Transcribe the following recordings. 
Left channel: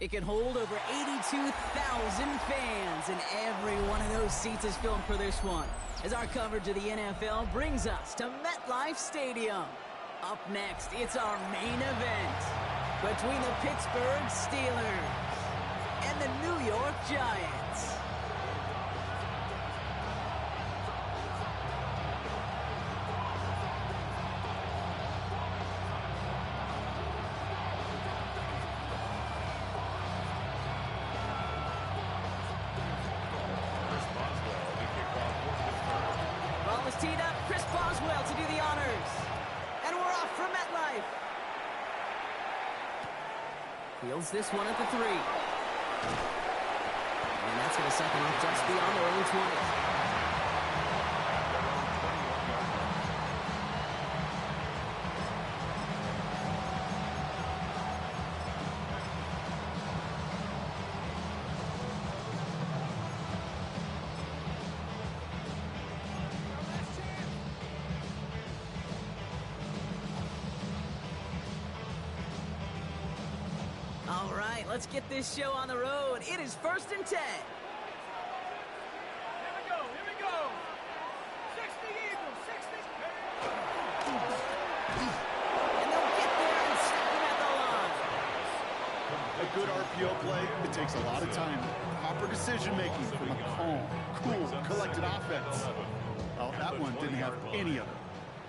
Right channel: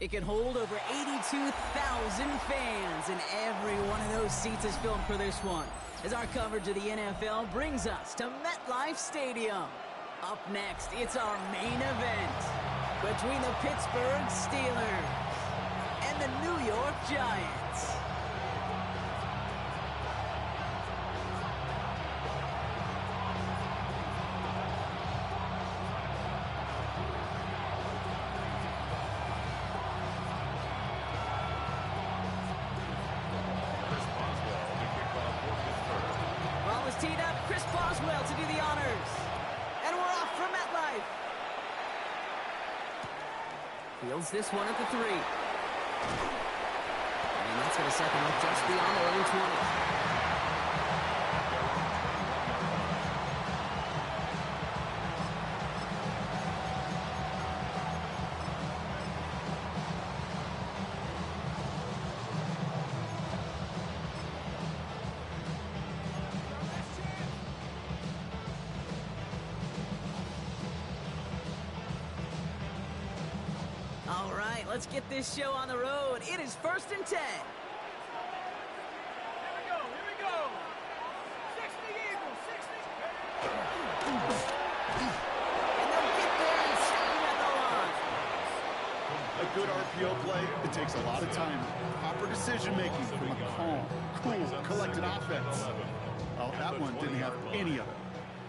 It can hold over 82,000 fans, and every one of those seats is filled for this one, as our coverage of the NFL brings us to MetLife Stadium. Up next, it's our main event between the Pittsburgh Steelers and the New York Giants. Teed up, Chris Boswell to do the honors. And we're off from MetLife. Fields this one at the 3. And that's going to set them up just beyond their own 20. All right, let's get this show on the road. It is 1st and 10. Here we go, 60 Eagles, 60. And they'll get there and stop him at the line. A good RPO play, it takes a lot of time. Proper decision-making from a calm, cool, collected offense. Well, that one didn't have any of it.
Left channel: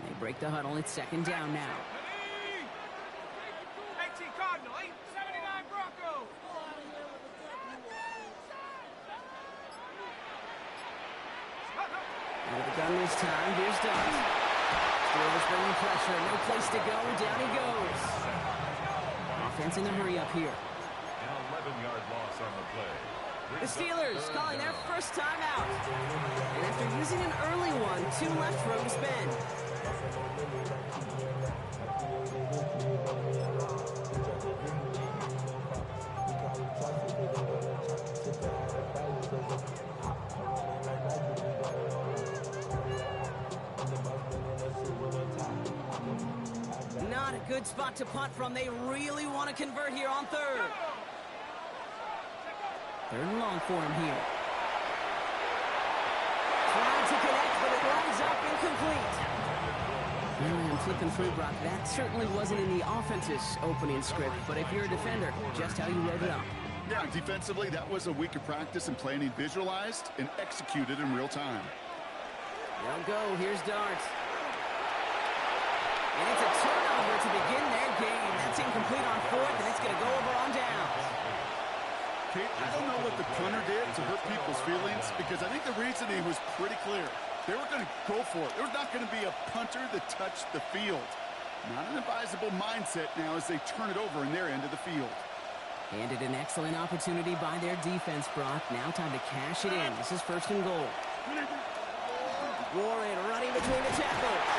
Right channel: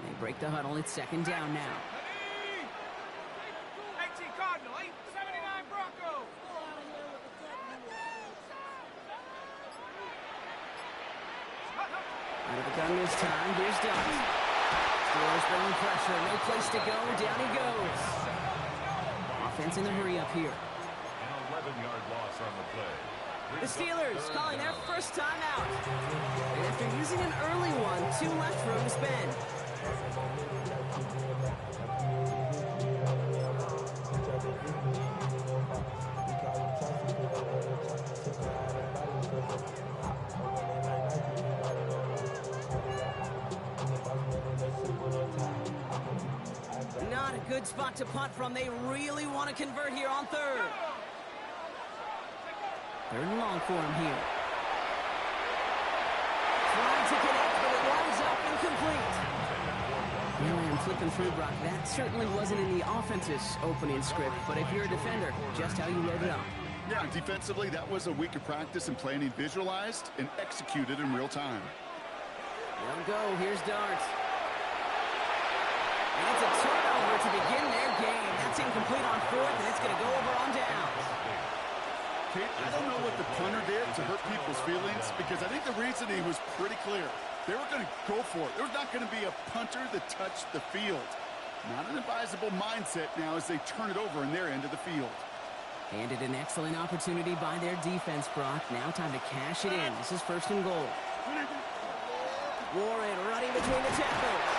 They break the huddle. It's 2nd down now. 18 Cardinal, 79 Bronco. Out of the gun this time. Here's Dart. Steelers bringing pressure. No place to go. Down he goes. Offense in the hurry up here. An 11-yard loss on the play. The Steelers calling their first time out. And after using an early one, 2 left for him to spend. Not a good spot to punt from. They really want to convert here on 3rd. 3rd and long for him here. Trying to connect, but it winds up incomplete. Really, I'm flipping through, Brock. That certainly wasn't in the offense's opening script, but if you're a defender, just how you wrote it up. Yeah, defensively, that was a week of practice and planning visualized and executed in real time. They'll go. Here's Dart. And it's a turnover to begin their game. That's incomplete on 4th, and it's going to go over on downs. Kate, I don't know what the punter did to hurt people's feelings, because I think the reasoning was pretty clear. They were going to go for it. There was not going to be a punter that touched the field. Not an advisable mindset now as they turn it over in their end of the field. Handed an excellent opportunity by their defense, Brock. Now time to cash it in. This is 1st and goal. Warren running between the tackles.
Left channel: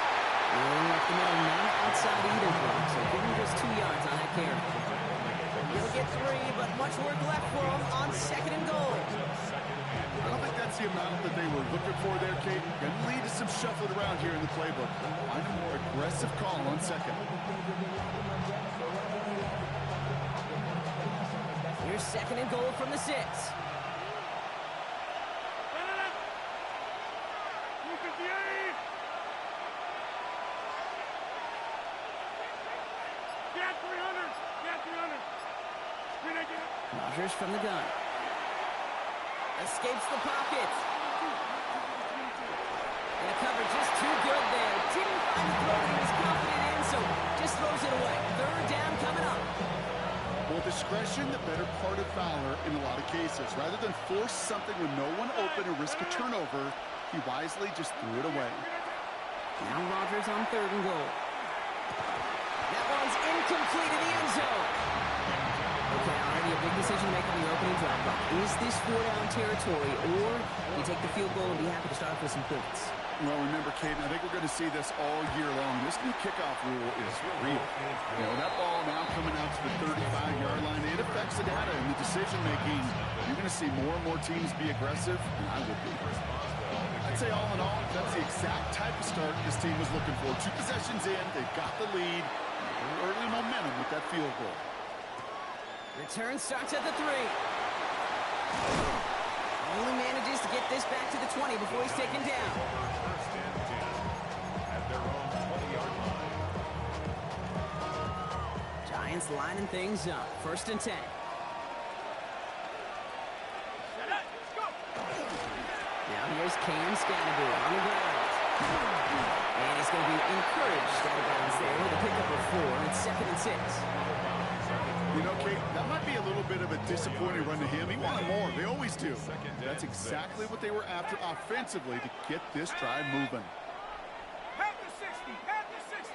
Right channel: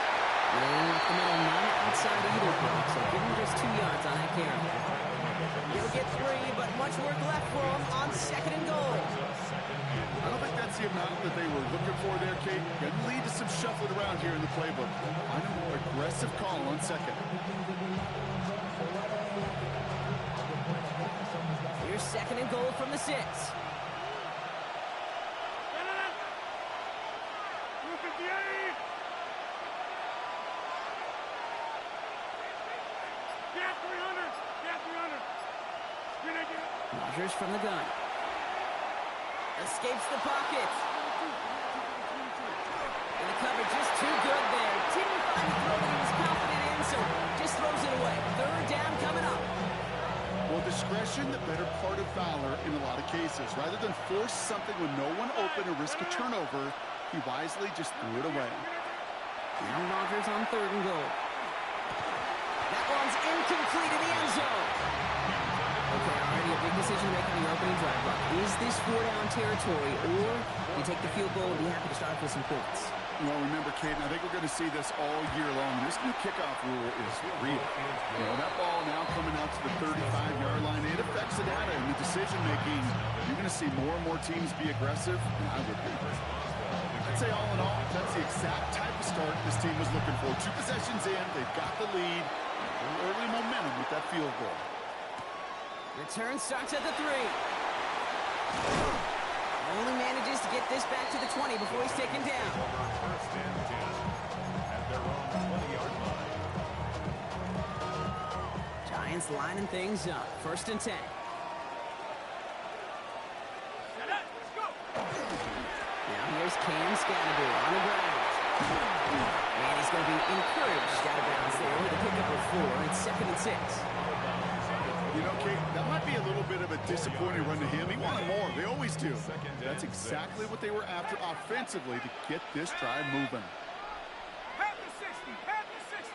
Rolling up the middle, none outside either, Brock. So give him just 2 yards on that carry. He'll get 3, but much work left for him on 2nd and goal. I don't think that's the amount that they were looking for there, Kate. Going to lead to some shuffling around here in the playbook. Find a more aggressive call on 2nd. Here's 2nd and goal from the 6. Rodgers from the gun. Escapes the pocket. And the coverage is too good there. Didn't find the throw that he was confident in, so just throws it away. 3rd down coming up. Well, discretion, the better part of valor in a lot of cases. Rather than force something with no one open or risk a turnover, he wisely just threw it away. Now Rodgers on 3rd and goal. That one's incomplete in the end zone. Okay, already a big decision to make on your opening drive, Brock. Is this 4-down territory, or you take the field goal and be happy to start off with some points? Well, remember, Kate, I think we're going to see this all year long. This new kickoff rule is real. You know, that ball now coming out to the 35-yard line, it affects the data and the decision-making. You're going to see more and more teams be aggressive, and I would be. I'd say all in all, that's the exact type of start this team was looking for. 2 possessions in, they've got the lead, early momentum with that field goal. Return starts at the 3. Only manages to get this back to the 20 before he's taken down. First and 10 at their own 20-yard line. Giants lining things up. First and 10. Now here's Cam Scatterby on the ground. And he's going to be encouraged out of bounds there with a pickup of 4 and 2nd and 6. You know, Kate, that might be a little bit of a disappointing run to him. He wanted more. They always do. That's exactly what they were after offensively to get this drive moving. Half the 60. Half the 60.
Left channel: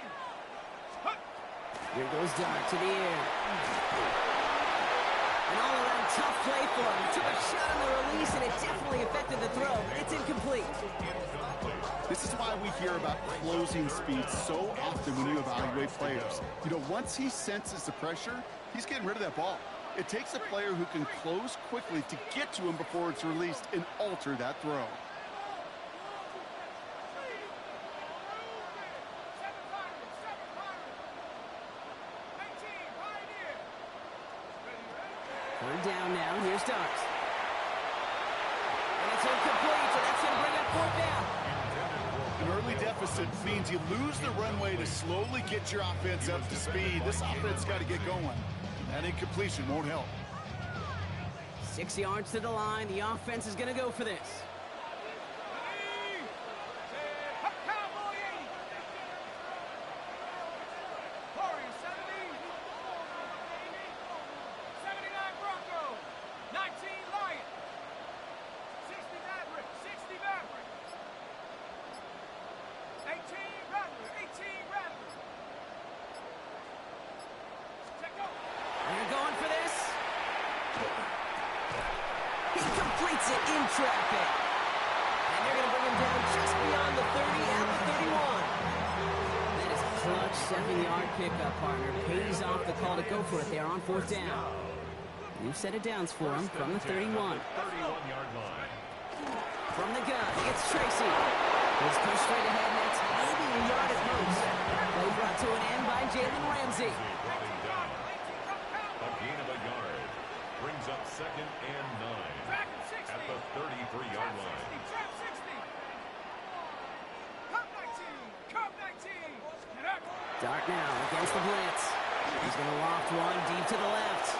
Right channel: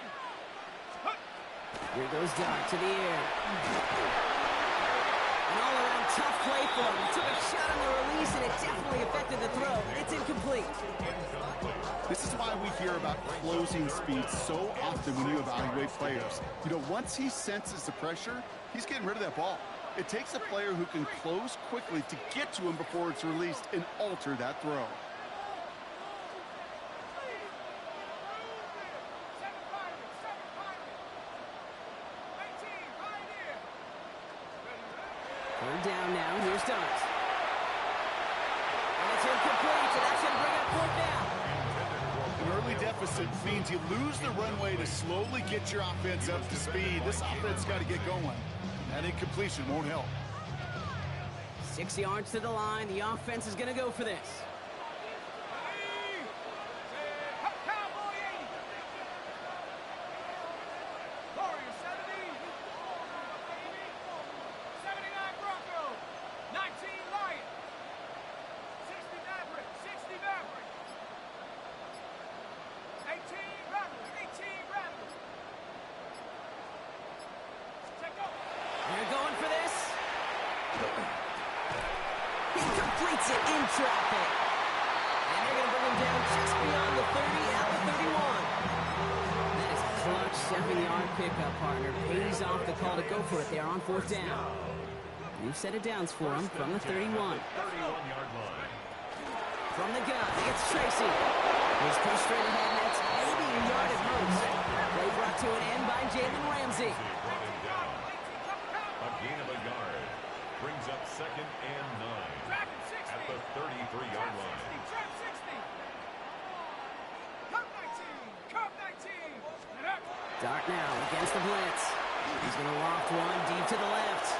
Here goes Dart to the air. An all-around tough play for him. He took a shot on the release, and it definitely affected the throw. It's incomplete. This is why we hear about closing speed so often when you evaluate players. You know, once he senses the pressure, he's getting rid of that ball. It takes a player who can close quickly to get to him before it's released and alter that throw. Third down now. Here's Dart. And it's incomplete, so that's going to bring up 4th down. An early deficit means you lose the runway to slowly get your offense up to speed. This offense got to get going. And that incompletion won't help. 6 yards to the line. The offense is going to go for this. They're going for this. He completes it in traffic. And they're going to bring him down just beyond the 30 at the 31. That is a clutch 7-yard pickup, partner. Pays off the call to go for it there on 4th down. New set of downs for him from the 31. 31-yard line. From the gun, it's Tracy. He's pushed straight ahead, and that's maybe a yard at most. Play brought to an end by Jalen Ramsey. Brought him down. A gain of a yard. Brings up 2nd and 9 at the 33-yard line. Dart now against the blitz. He's going to loft one deep to the left.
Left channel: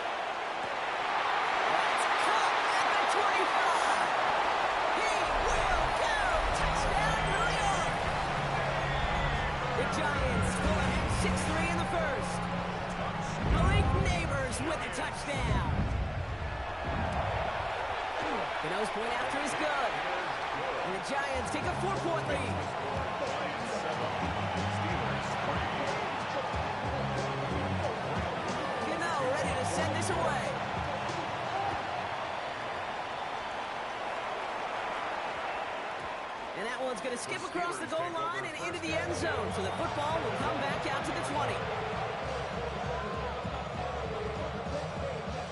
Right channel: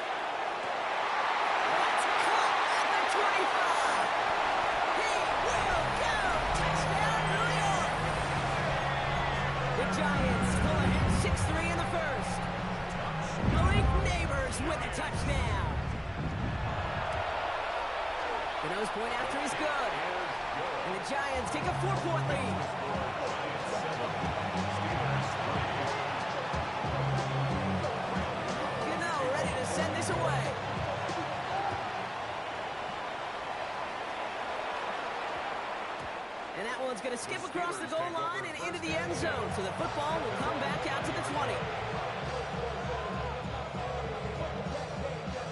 That's caught at the 25. He will go. Touchdown, New York. The Giants pull ahead 6-3 in the first. Malik Neighbors with a touchdown. Gano's point after is good. And the Giants take a 4-point lead. Giants 7, Steelers 3. Gano ready to send this away. And that one's going to skip across the goal line and into the end zone. So the football will come back out to the 20.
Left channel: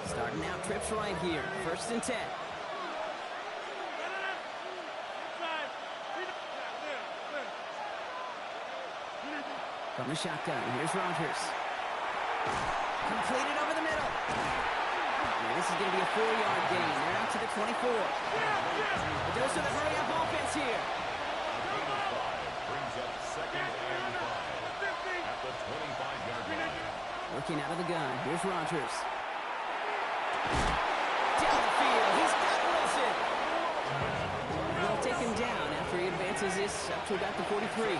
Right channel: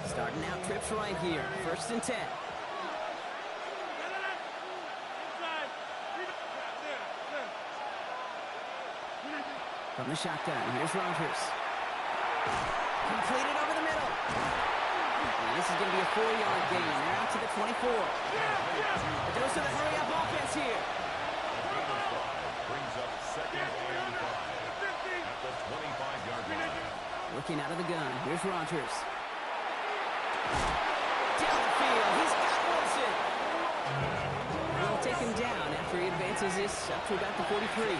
Starting out trips right here. 1st and 10. From the shotgun, here's Rodgers. Completed over the middle. And this is going to be a 4-yard gain. They're out to the 24. The dose of the hurry-up offense here. A gain of 5 brings up 2nd and 5 at the 25-yard line. Working out of the gun, here's Rodgers. Down the field, he's got Wilson. They'll take him down after he advances this up to about the 43. Gain of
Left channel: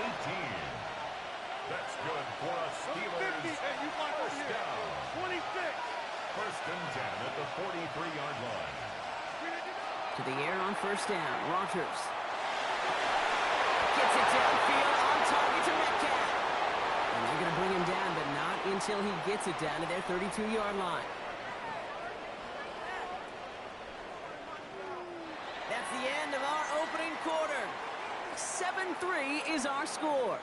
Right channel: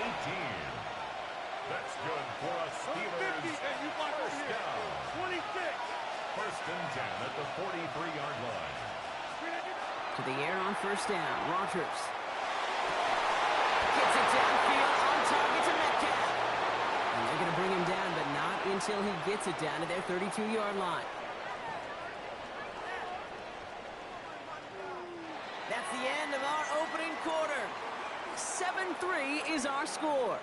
18. That's good for a Steelers first down. 26. 1st and 10 at the 43-yard line. To the air on 1st down, Rodgers. Gets it downfield on target to Metcalf. And they're going to bring him down, but not until he gets it down to their 32-yard line. That's the end of our opening quarter. 7-3 is our score.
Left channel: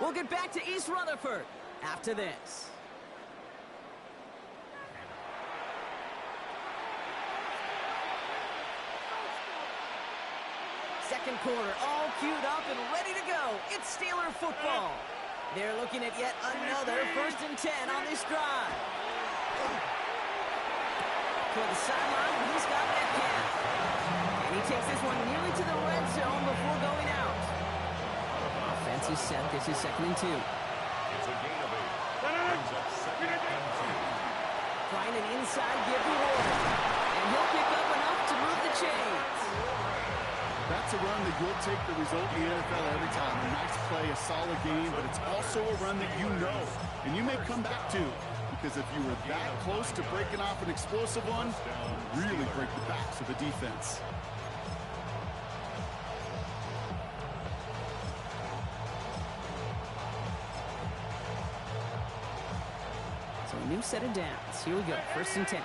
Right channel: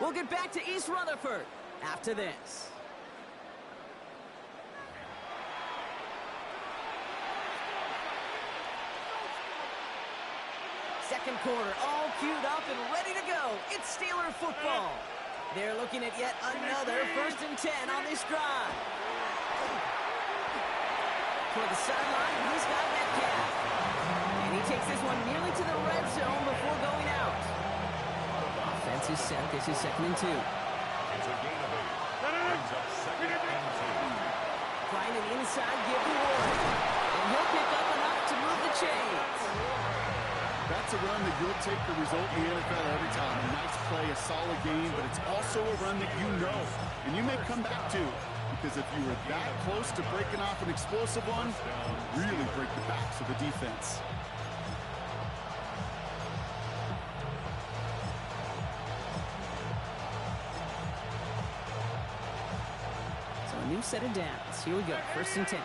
We'll get back to East Rutherford after this. Second quarter, all queued up and ready to go. It's Steeler football. They're looking at yet another 1st and 10 on this drive. toward the sideline, and he's got Metcalf. And he takes this one nearly to the red zone before going out. Offense is set. This is 2nd and 2. It's a gain of 8. Brings up 2nd and 2. Trying an inside give to Warren. And he'll pick up enough to move the chains. That's a run that you'll take the result in the NFL every time. A nice play, a solid game, but it's also a run that you know and you may come back to, because if you were that close to breaking off an explosive one, you really break the backs of the defense. So a new set of downs. Here we go. 1st and 10.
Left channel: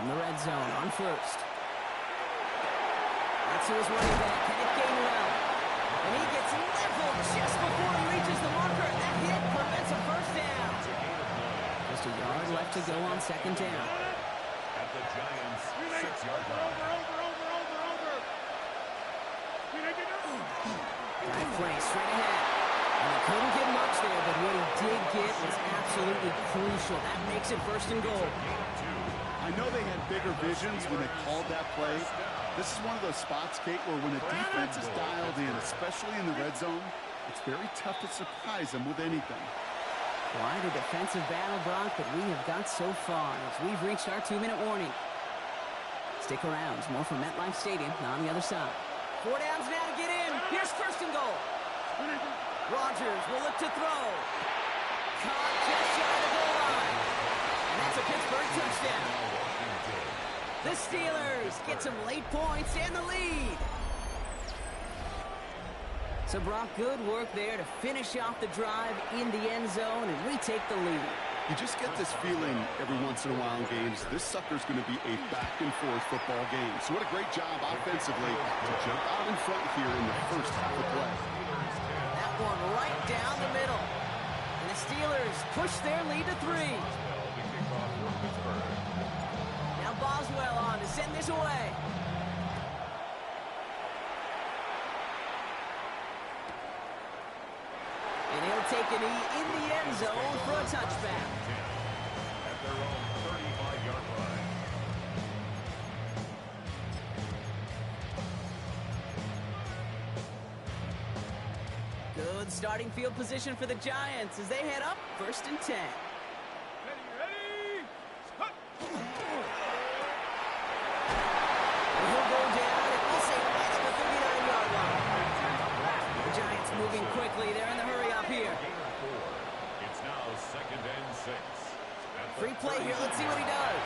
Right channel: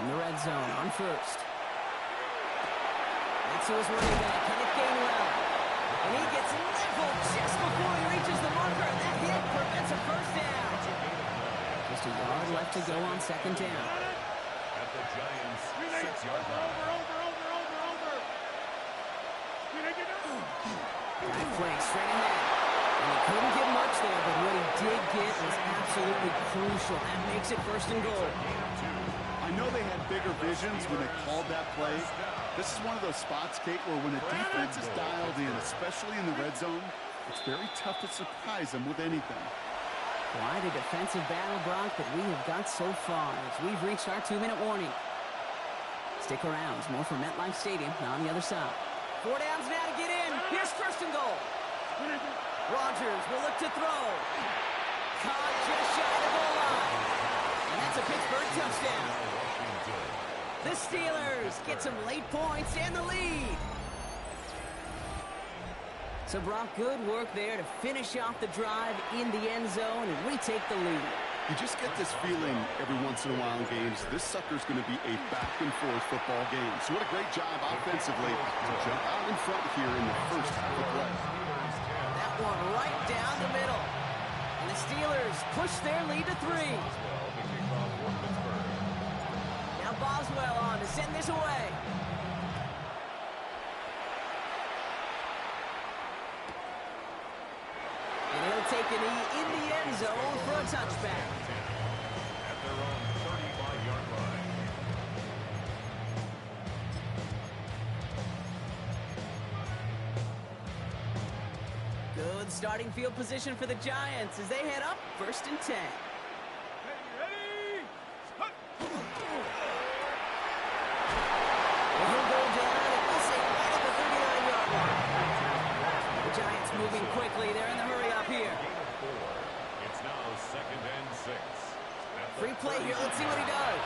In the red zone on 1st. That's to his running back, Kenneth Gainwell. And he gets leveled just before he reaches the marker. And that hit prevents a 1st down. Just a yard left to go on 2nd down. At the Giants' 6-yard line. Guy plays straight ahead. And he couldn't get much there, but what he did get was absolutely crucial. That makes it 1st and goal. I know they had bigger visions when they called that play. This is one of those spots, Kate, where when a defense is dialed in, especially in the red zone, it's very tough to surprise them with anything. Quite a defensive battle, Brock, that we have got so far as we've reached our 2-minute warning. Stick around. There's more from MetLife Stadium on the other side. 4 downs now to get in. Here's 1st and goal. Rodgers will look to throw. Caught just shy of the goal line. And that's a Pittsburgh touchdown. The Steelers get some late points and the lead. So, Brock, good work there to finish off the drive in the end zone, and we take the lead. You just get this feeling every once in a while in games, this sucker's going to be a back-and-forth football game. So what a great job offensively to jump out in front here in the first half of play. That one right down the middle. And the Steelers push their lead to 3. Now Boswell on to send this away. And he'll take a knee in the end zone for a touchback. At their own 35-yard line. Good starting field position for the Giants as they head up 1st and 10. And he'll go down, and we'll say right at the 39-yard line. The Giants moving quickly. They're in the hurry up here. It's now 2nd and 6. Free play here. Let's see what he does.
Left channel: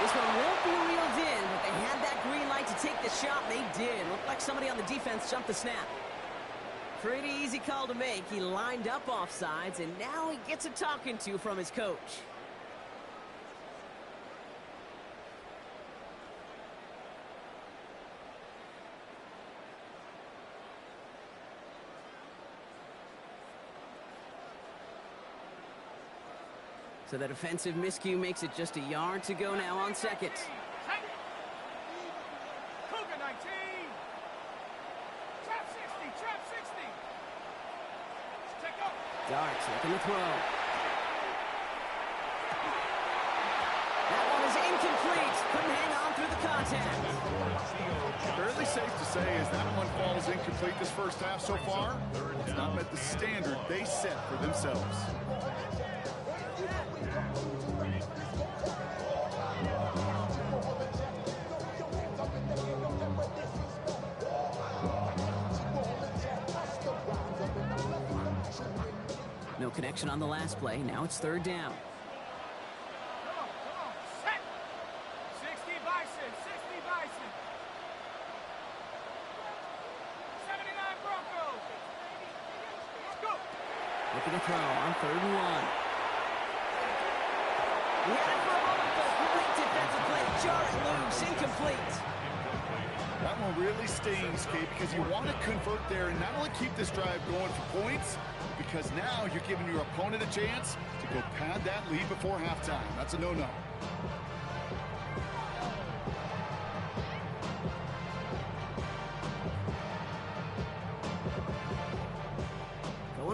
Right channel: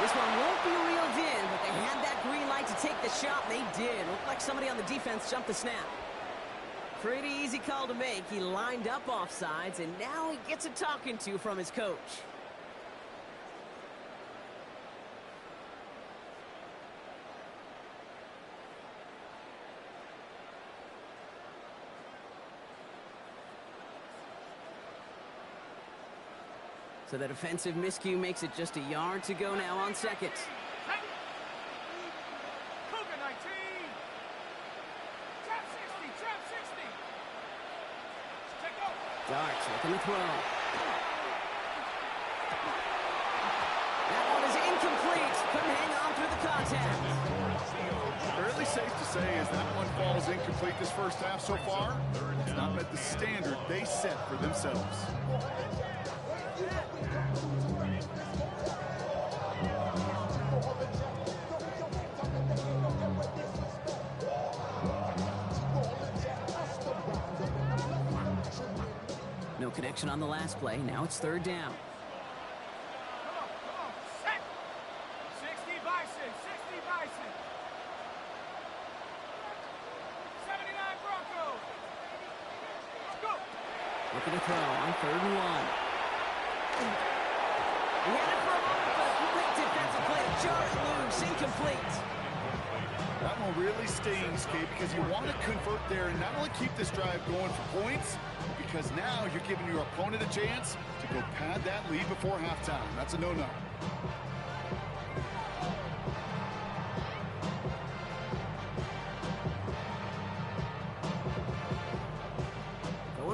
This one won't be reeled in, but they had that green light to take the shot, and they did. Looked like somebody on the defense jumped the snap. Pretty easy call to make. He lined up offsides, and now he gets a talking to from his coach. So that offensive miscue makes it just a yard to go now on 2nd. Cougar 19. Trap 60. Trap 60. Check go. Darts looking to throw. That one is incomplete. Couldn't hang on through the contact. Fairly safe to say as that one falls incomplete this first half so far, it's not met the standard they set for themselves. No connection on the last play. Now it's 3rd down. Come on. Set. 60 Bison. 60 Bison. 79 Broncos. Let's go. Looking to throw on 3rd and 1. He had it for a moment, but a great defensive play to jar it loose. Incomplete. That one really stings, Kate, because you want to convert there and not only keep this drive going for points, because now you're giving your opponent a chance to go pad that lead before halftime. That's a no-no.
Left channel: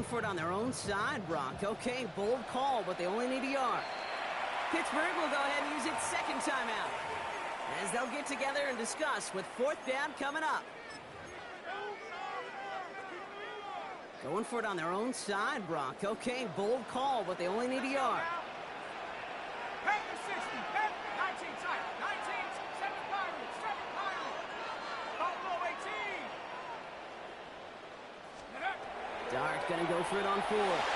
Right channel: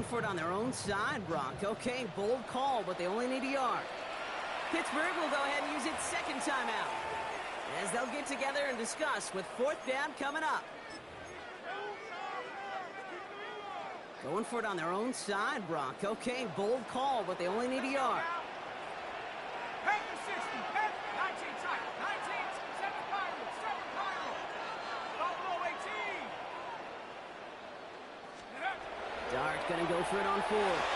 for it on their own side, Brock. Okay, bold call, but they only need a yard. Pittsburgh will go ahead and use its second timeout, as they'll get together and discuss with fourth down coming up. Going for it on their own side, Brock. Okay, bold call, but they only need a yard. Panther 60, 19 tight, 19, 7 Pirates, 7 Pirates. Buffalo 18. Dart gonna go for it on fourth.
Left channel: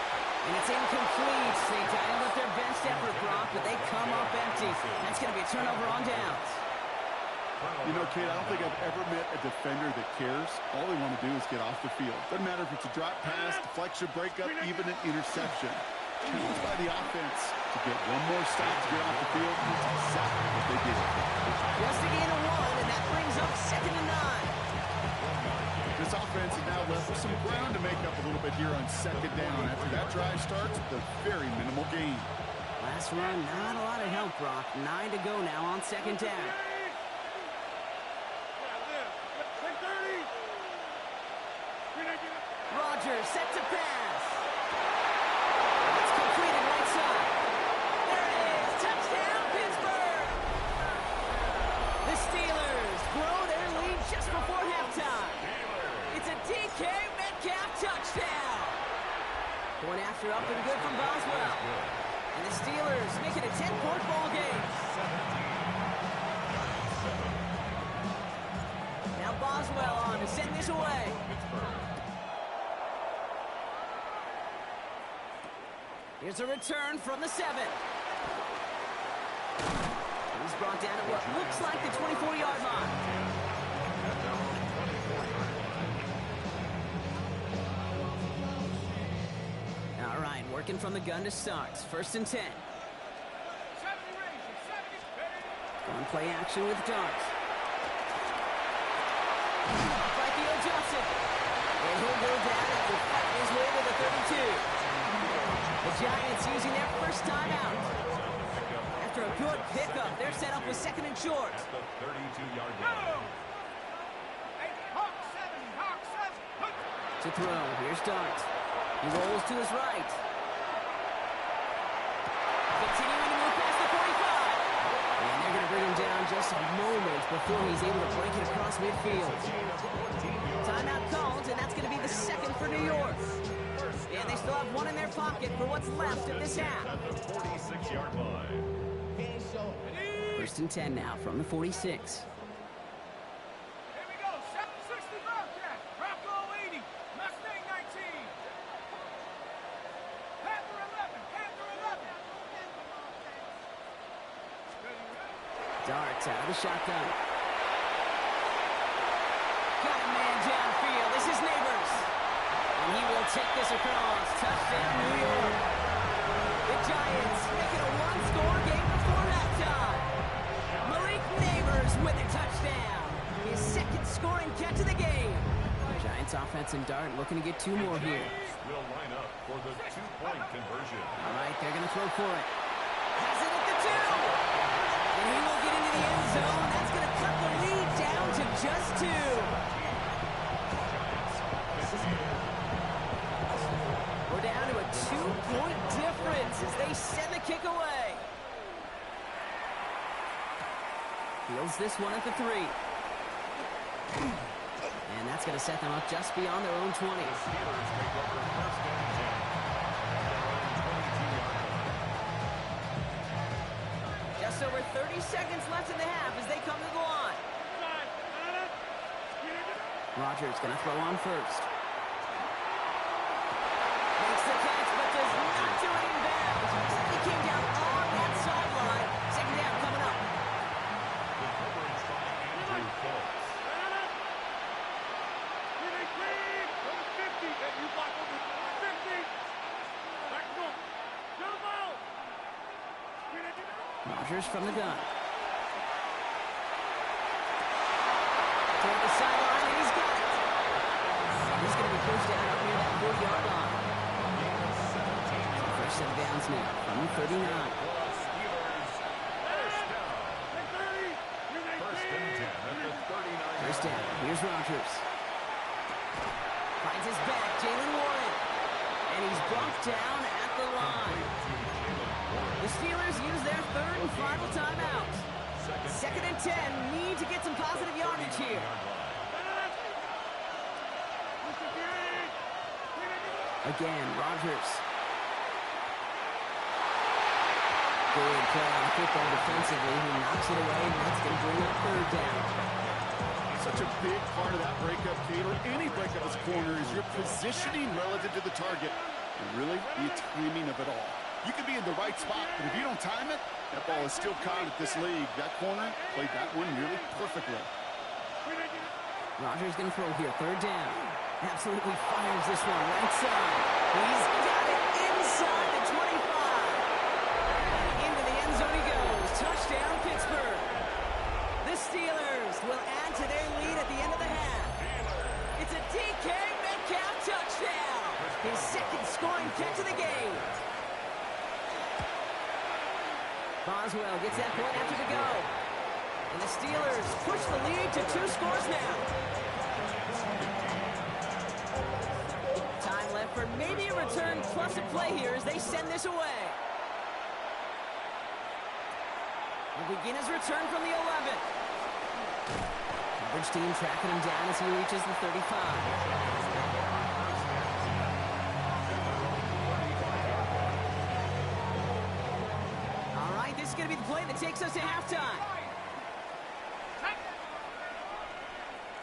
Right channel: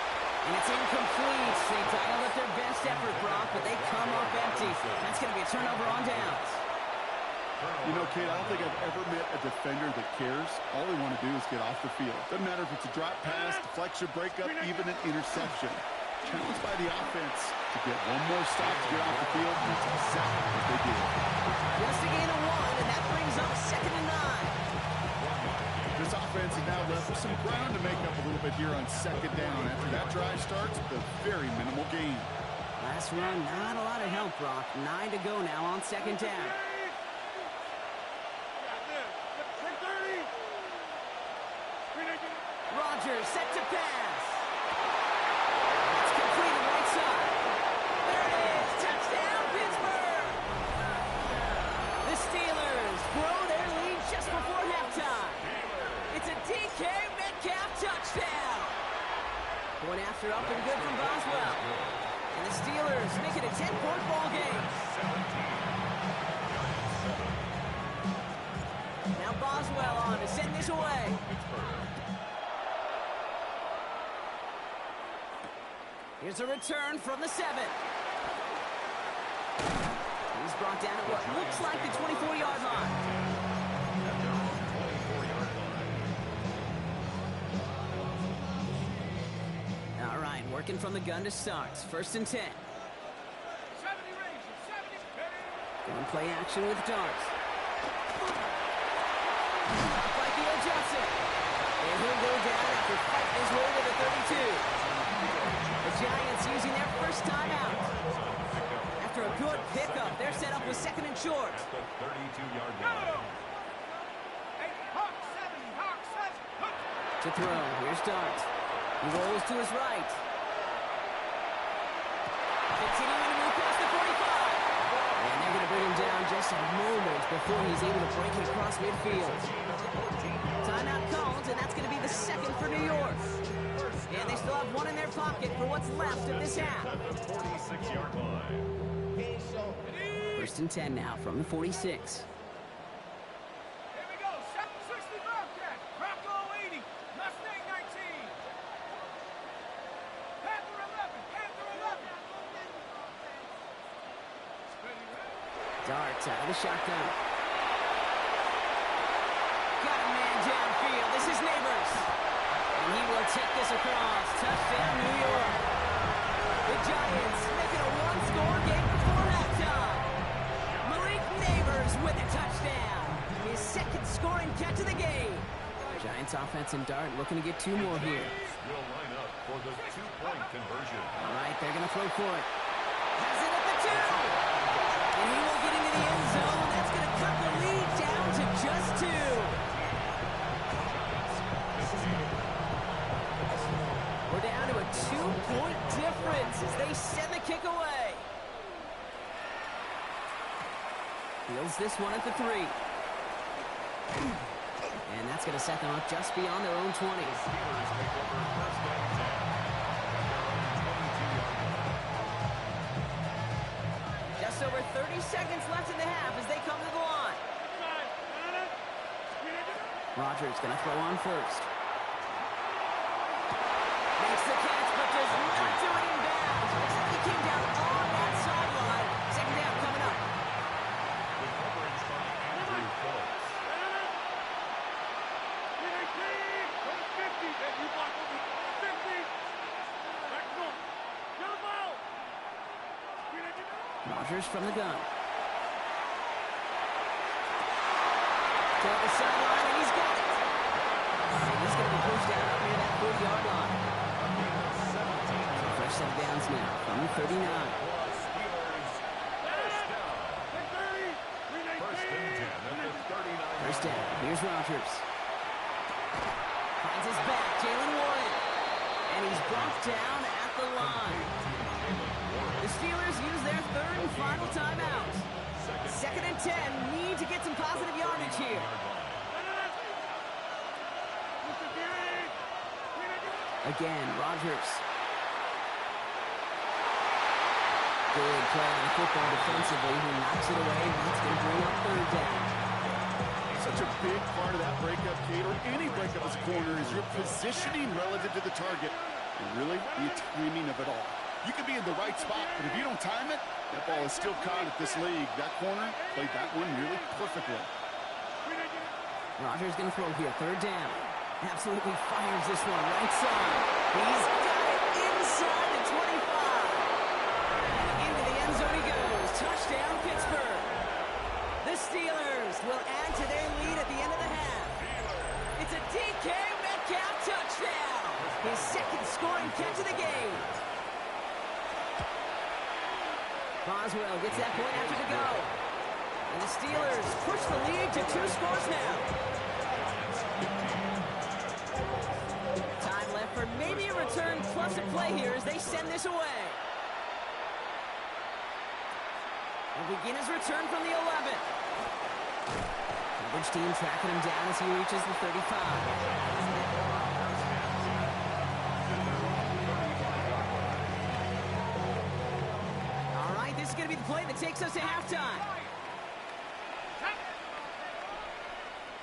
And it's incomplete. They dialed up their best effort, Brock, but they come up empty. That's gonna be a turnover on downs. You know, Kate, I don't think I've ever met a defender that cares. All they want to do is get off the field. Doesn't matter if it's a drop pass, deflection, breakup, even an interception. Challenged by the offense to get one more stop to get off the field. That's exactly what they did. Just a gain of 1, and that brings up 2nd and 9. This offense is now left with some ground to make up a little bit here on 2nd down. After that drive starts with a very minimal gain. Last run, not a lot of help, Brock. 9 to go now on 2nd down. Rodgers set to pass. It's completed right side. There it is. Touchdown, Pittsburgh. The Steelers grow their lead just before halftime. It's a DK Metcalf touchdown. Point after up and good from Boswell. And the Steelers make it a 10-point ball game. Now Boswell on to send this away. Here's a return from the 7. He's brought down at what looks like the 24-yard line. At their own 24-yard line. All right, working from the gun to start. 1st and 10. 70 Rangers, 70. Going play action with darts. By Theo Johnson. And he'll go down after fighting his way to the 32. The Giants using their first timeout. After a good pickup, they're set up with 2nd and short. At the 32-yard line. Hawk 70, Hawk 7. To throw, here's Dart. He rolls to his right. Continuing to move past the 45. And they're going to bring him down just a moment before he's able to break it across midfield. Timeout called, and that's going to be the 2nd for New York. And they still have 1 in their pocket for what's left of this half. At the 46-yard line. 1st and 10 now from the 46. Here we go. 60 Bobcat. Bronco 80. Mustang 19. Panther 11. Panther 11. Darts out of the shotgun. Got a man downfield. This is Neighbors. And he will take this across. Touchdown, New York. The Giants make it a 1-score game before halftime. Malik Neighbors with a touchdown. His 2nd scoring catch of the game. Giants offense and Dart looking to get 2 more here. Will line up for the 2-point conversion. All right, they're going to throw for it. Has it at the 2. And he will get into the end zone. That's going to cut the lead down to just 2. We're down to a 2-point difference as they send the kick away. Fields this one at the 3. And that's going to set them up just beyond their own 20. The Steelers take over 1st and 10 at their own 22-yard line. Just over 30 seconds left in the half as they come to the line. Rodgers going to throw on first. Makes the catch, but does not do it in bounds. Looks like he came down on that sideline. 2nd down coming up. The coverage by Andrew Phillips. You block over 50. Back north. Jump out. Rodgers from the gun. Toward the sideline, and he's got it. And he's going to be pushed out up near that 40-yard line. So fresh set of downs now from the 39. Steelers first down. 1st and 10 at the 39. First down. Here's Rodgers. Finds his back. Jalen Warren. And he's brought down at the line. The Steelers use their third and final timeout. 2nd and 10. Need to get some positive yardage here. Again, Rodgers. Good play on the football defensively. He knocks it away, and that's going to bring up 3rd down. Such a big part of that breakup, Kate, or any breakup as a corner, is your positioning relative to the target, and really the timing of it all. You can be in the right spot, but if you don't time it, that ball is still caught at this league. That corner played that one nearly perfectly. Rodgers going to throw here, 3rd down. Absolutely fires this one right side. He's got it inside the 25. And into the end zone he goes. Touchdown, Pittsburgh. The Steelers will add to their lead at the end of the half. It's a DK Metcalf touchdown. His 2nd scoring catch of the game. Boswell gets that point after the go. And the Steelers push the lead to 2 scores now. Time left for maybe a return plus a play here as they send this away. He'll begin his return from the 11. Coverage team tracking him down as he reaches the 35. All right, this is going to be the play that takes us to halftime.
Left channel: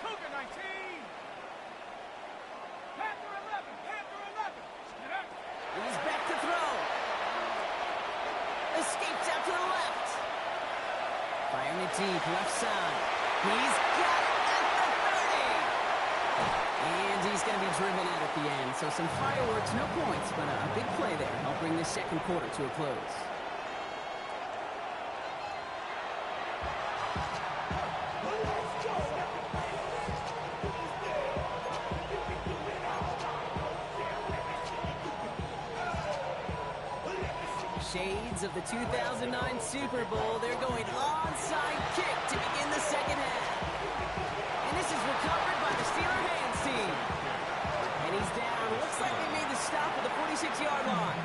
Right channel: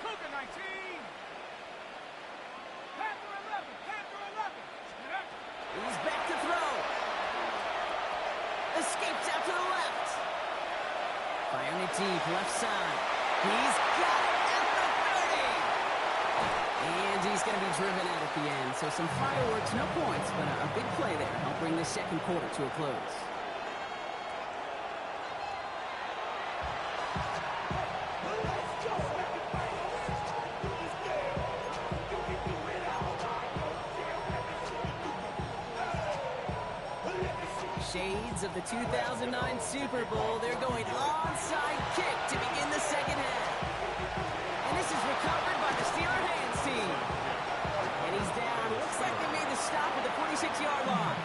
Cougar 19. Panther 11. Panther 11. He's back to throw. Escapes out to the left. Firing it deep, left side. He's got it at the 30. And he's going to be driven out at the end. So some fireworks, no points, but a big play there. Help bring this 2nd quarter to a close. Shades of the 2009 Super Bowl. They're going onside kick to begin the 2nd half. And this is recovered by the Steeler hands team. And he's down. Looks like they made the stop at the 46-yard line.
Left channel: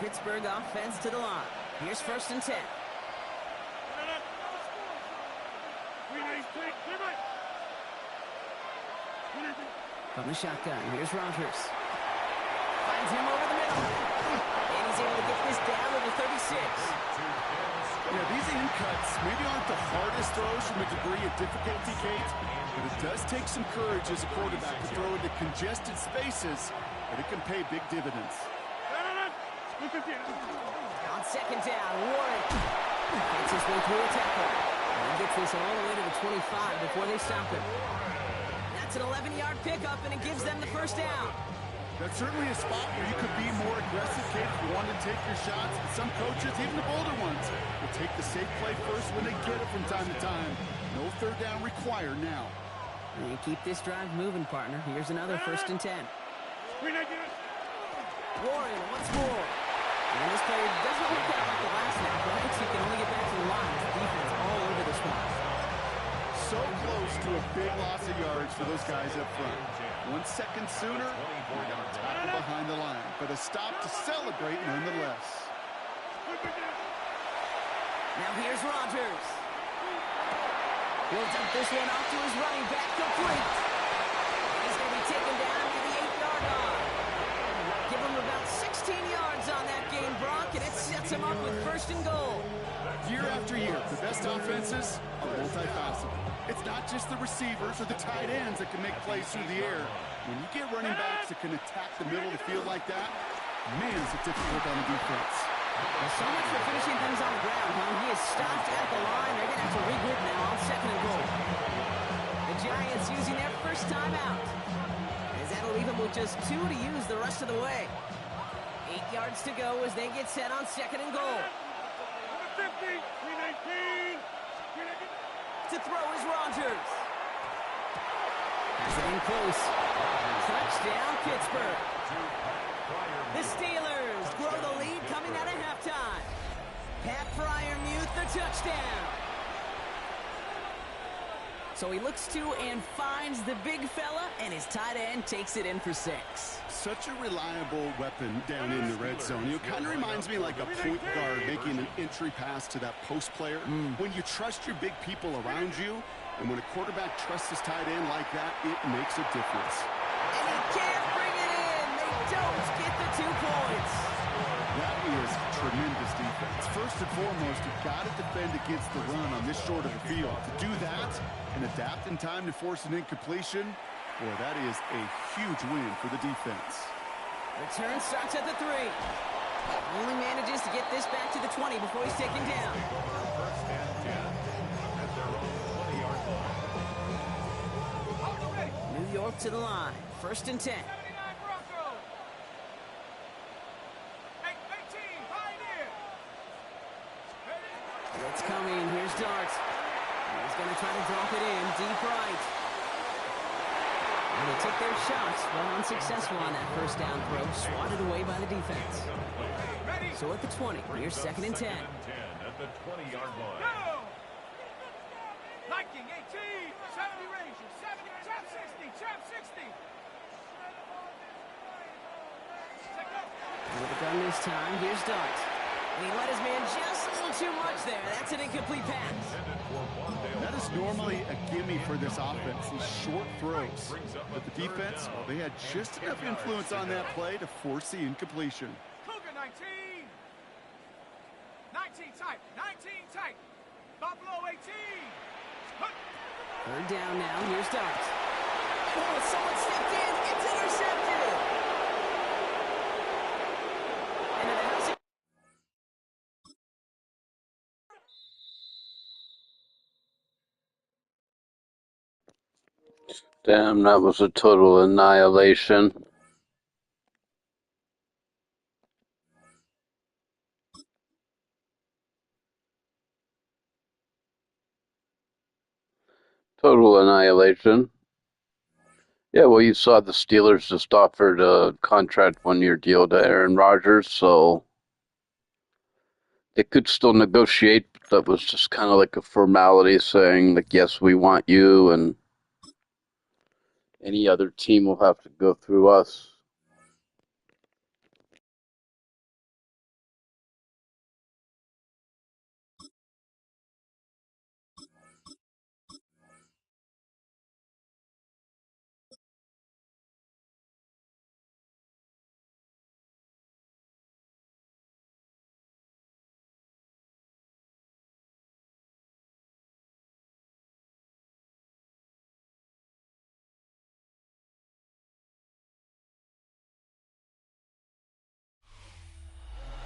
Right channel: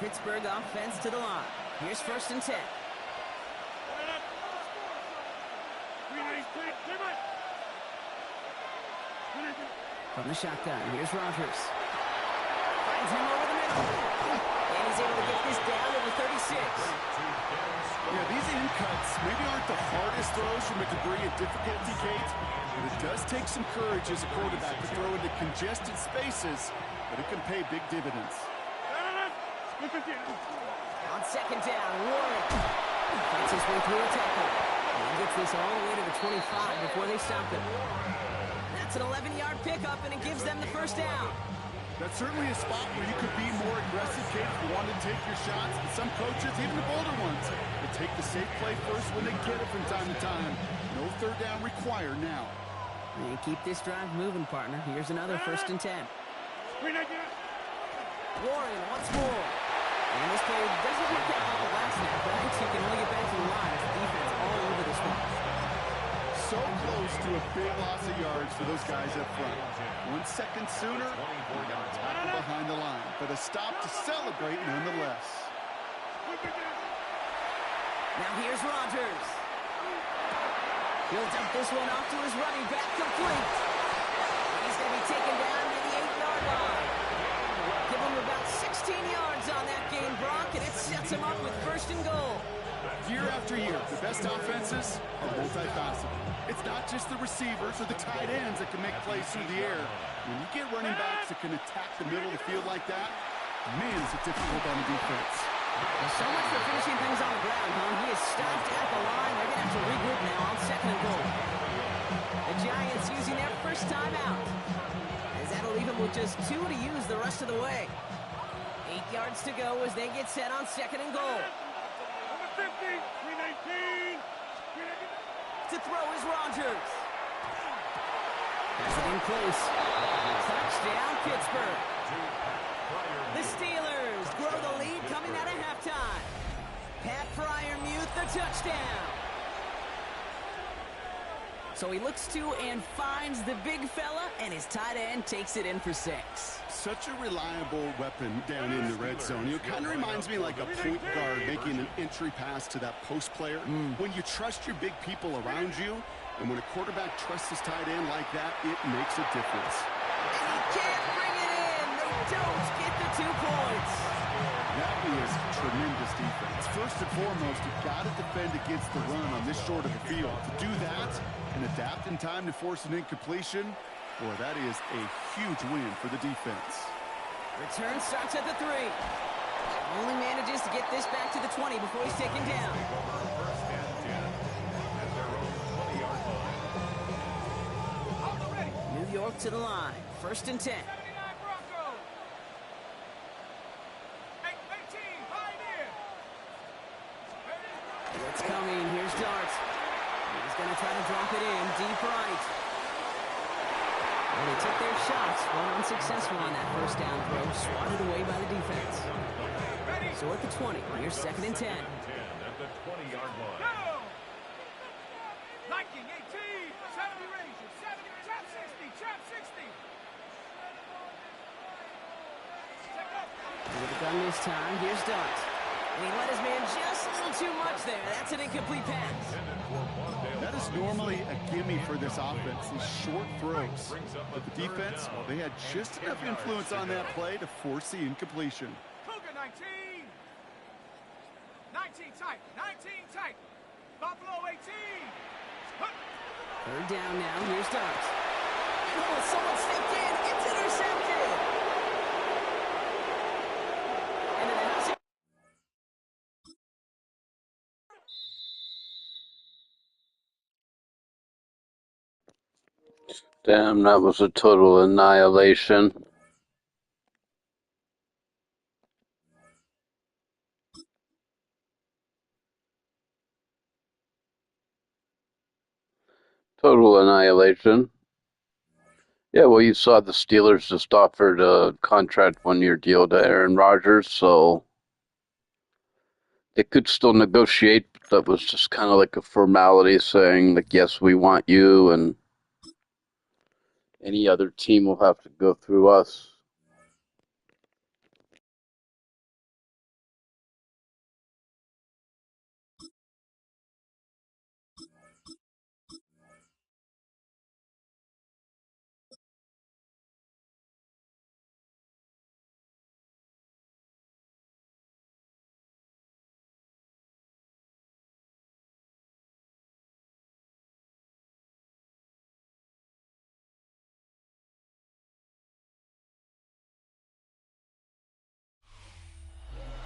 Pittsburgh offense to the line. Here's 1st and 10. From the shotgun, here's Rodgers. Finds him over the middle. And he's able to get this down to the 36. Yeah, these in cuts maybe aren't the hardest throws from a degree of difficulty, Kate, but it does take some courage as a quarterback to throw into congested spaces, but it can pay big dividends. On 2nd down, Warren fights his way through a tackle. And he gets this all the way to the 25 before they stop him. That's an 11-yard pickup, and it gives them the 1st down. That's certainly a spot where you could be more aggressive, Kate, if you want to take your shots. But some coaches, even the bolder ones, will take the safe play first when they get it from time to time. No 3rd down required now. And keep this drive moving, partner. Here's another 1st and 10. Warren once more. And this play doesn't work out like the last snap, right? So you can only get back to the line as the defense all over this one. So close to a big loss of yards for those guys up front. 1 second sooner, we got a tackle behind the line, but a stop to celebrate nonetheless. Now here's Rodgers. He'll dump this one off to his running back, complete. And he's going to be taken down near the 8-yard line. Give him about 16 yards on that game, Brock, and it sets him up with 1st and goal. Year after year, the best offenses are multifaceted. It's not just the receivers or the tight ends that can make plays through the air. When you get running backs that can attack the middle of the field like that, man, is it difficult on the defense. Well, so much for finishing things on the ground, huh? He is stopped at the line. They're going to have to regroup now on 2nd and goal. The Giants using their 1st timeout, as that'll leave them with just 2 to use the rest of the way. 8 yards to go as they get set on 2nd and goal. 50, 319. To throw is Rodgers. Pass it in close. Touchdown, Pittsburgh. The Steelers grow the lead coming out of halftime. Pat Freiermuth, the touchdown. So he looks to and finds the big fella, and his tight end takes it in for 6. Such a reliable weapon down in the red zone. It kind of reminds me like a point guard making an entry pass to that post player. When you trust your big people around you, and when a quarterback trusts his tight end like that, it makes a difference. And he can't bring it in. They don't get the 2 points. That is tremendous defense. First and foremost, you've got to defend against the run on this short of a field. To do that and adapt in time to force an incompletion, boy, that is a huge win for the defense. Return starts at the 3. Only manages to get this back to the 20 before he's taken down. First and 10 at their own 20-yard line. New York to the line. First and 10. It's coming. Here's Dart. He's going to try to drop it in deep right. And they took their shots, but unsuccessful on that first down throw, swatted away by the defense. So at the 20, here's second and 10. At the 20-yard line. Liking 18, 70 Rangers, 70, trap 60, trap 60. With the gun this time, here's Dart. And he let his man just a little too much there. That's an incomplete pass. That is normally a gimme for this offense, these short throws. But the defense, well, they had just enough influence on that play to force the incompletion. Cougar 19. 19 tight, 19 tight. Buffalo 18. Third down now, here's Dart. And oh, someone stepped in. It's intercepted. Into the house. Damn, that was a total annihilation. Total annihilation. Yeah, well, you saw the Steelers just offered a contract 1-year deal to Aaron Rodgers, so they could still negotiate. That was just kind of like a formality saying, like, yes, we want you, and any other team will have to go through us.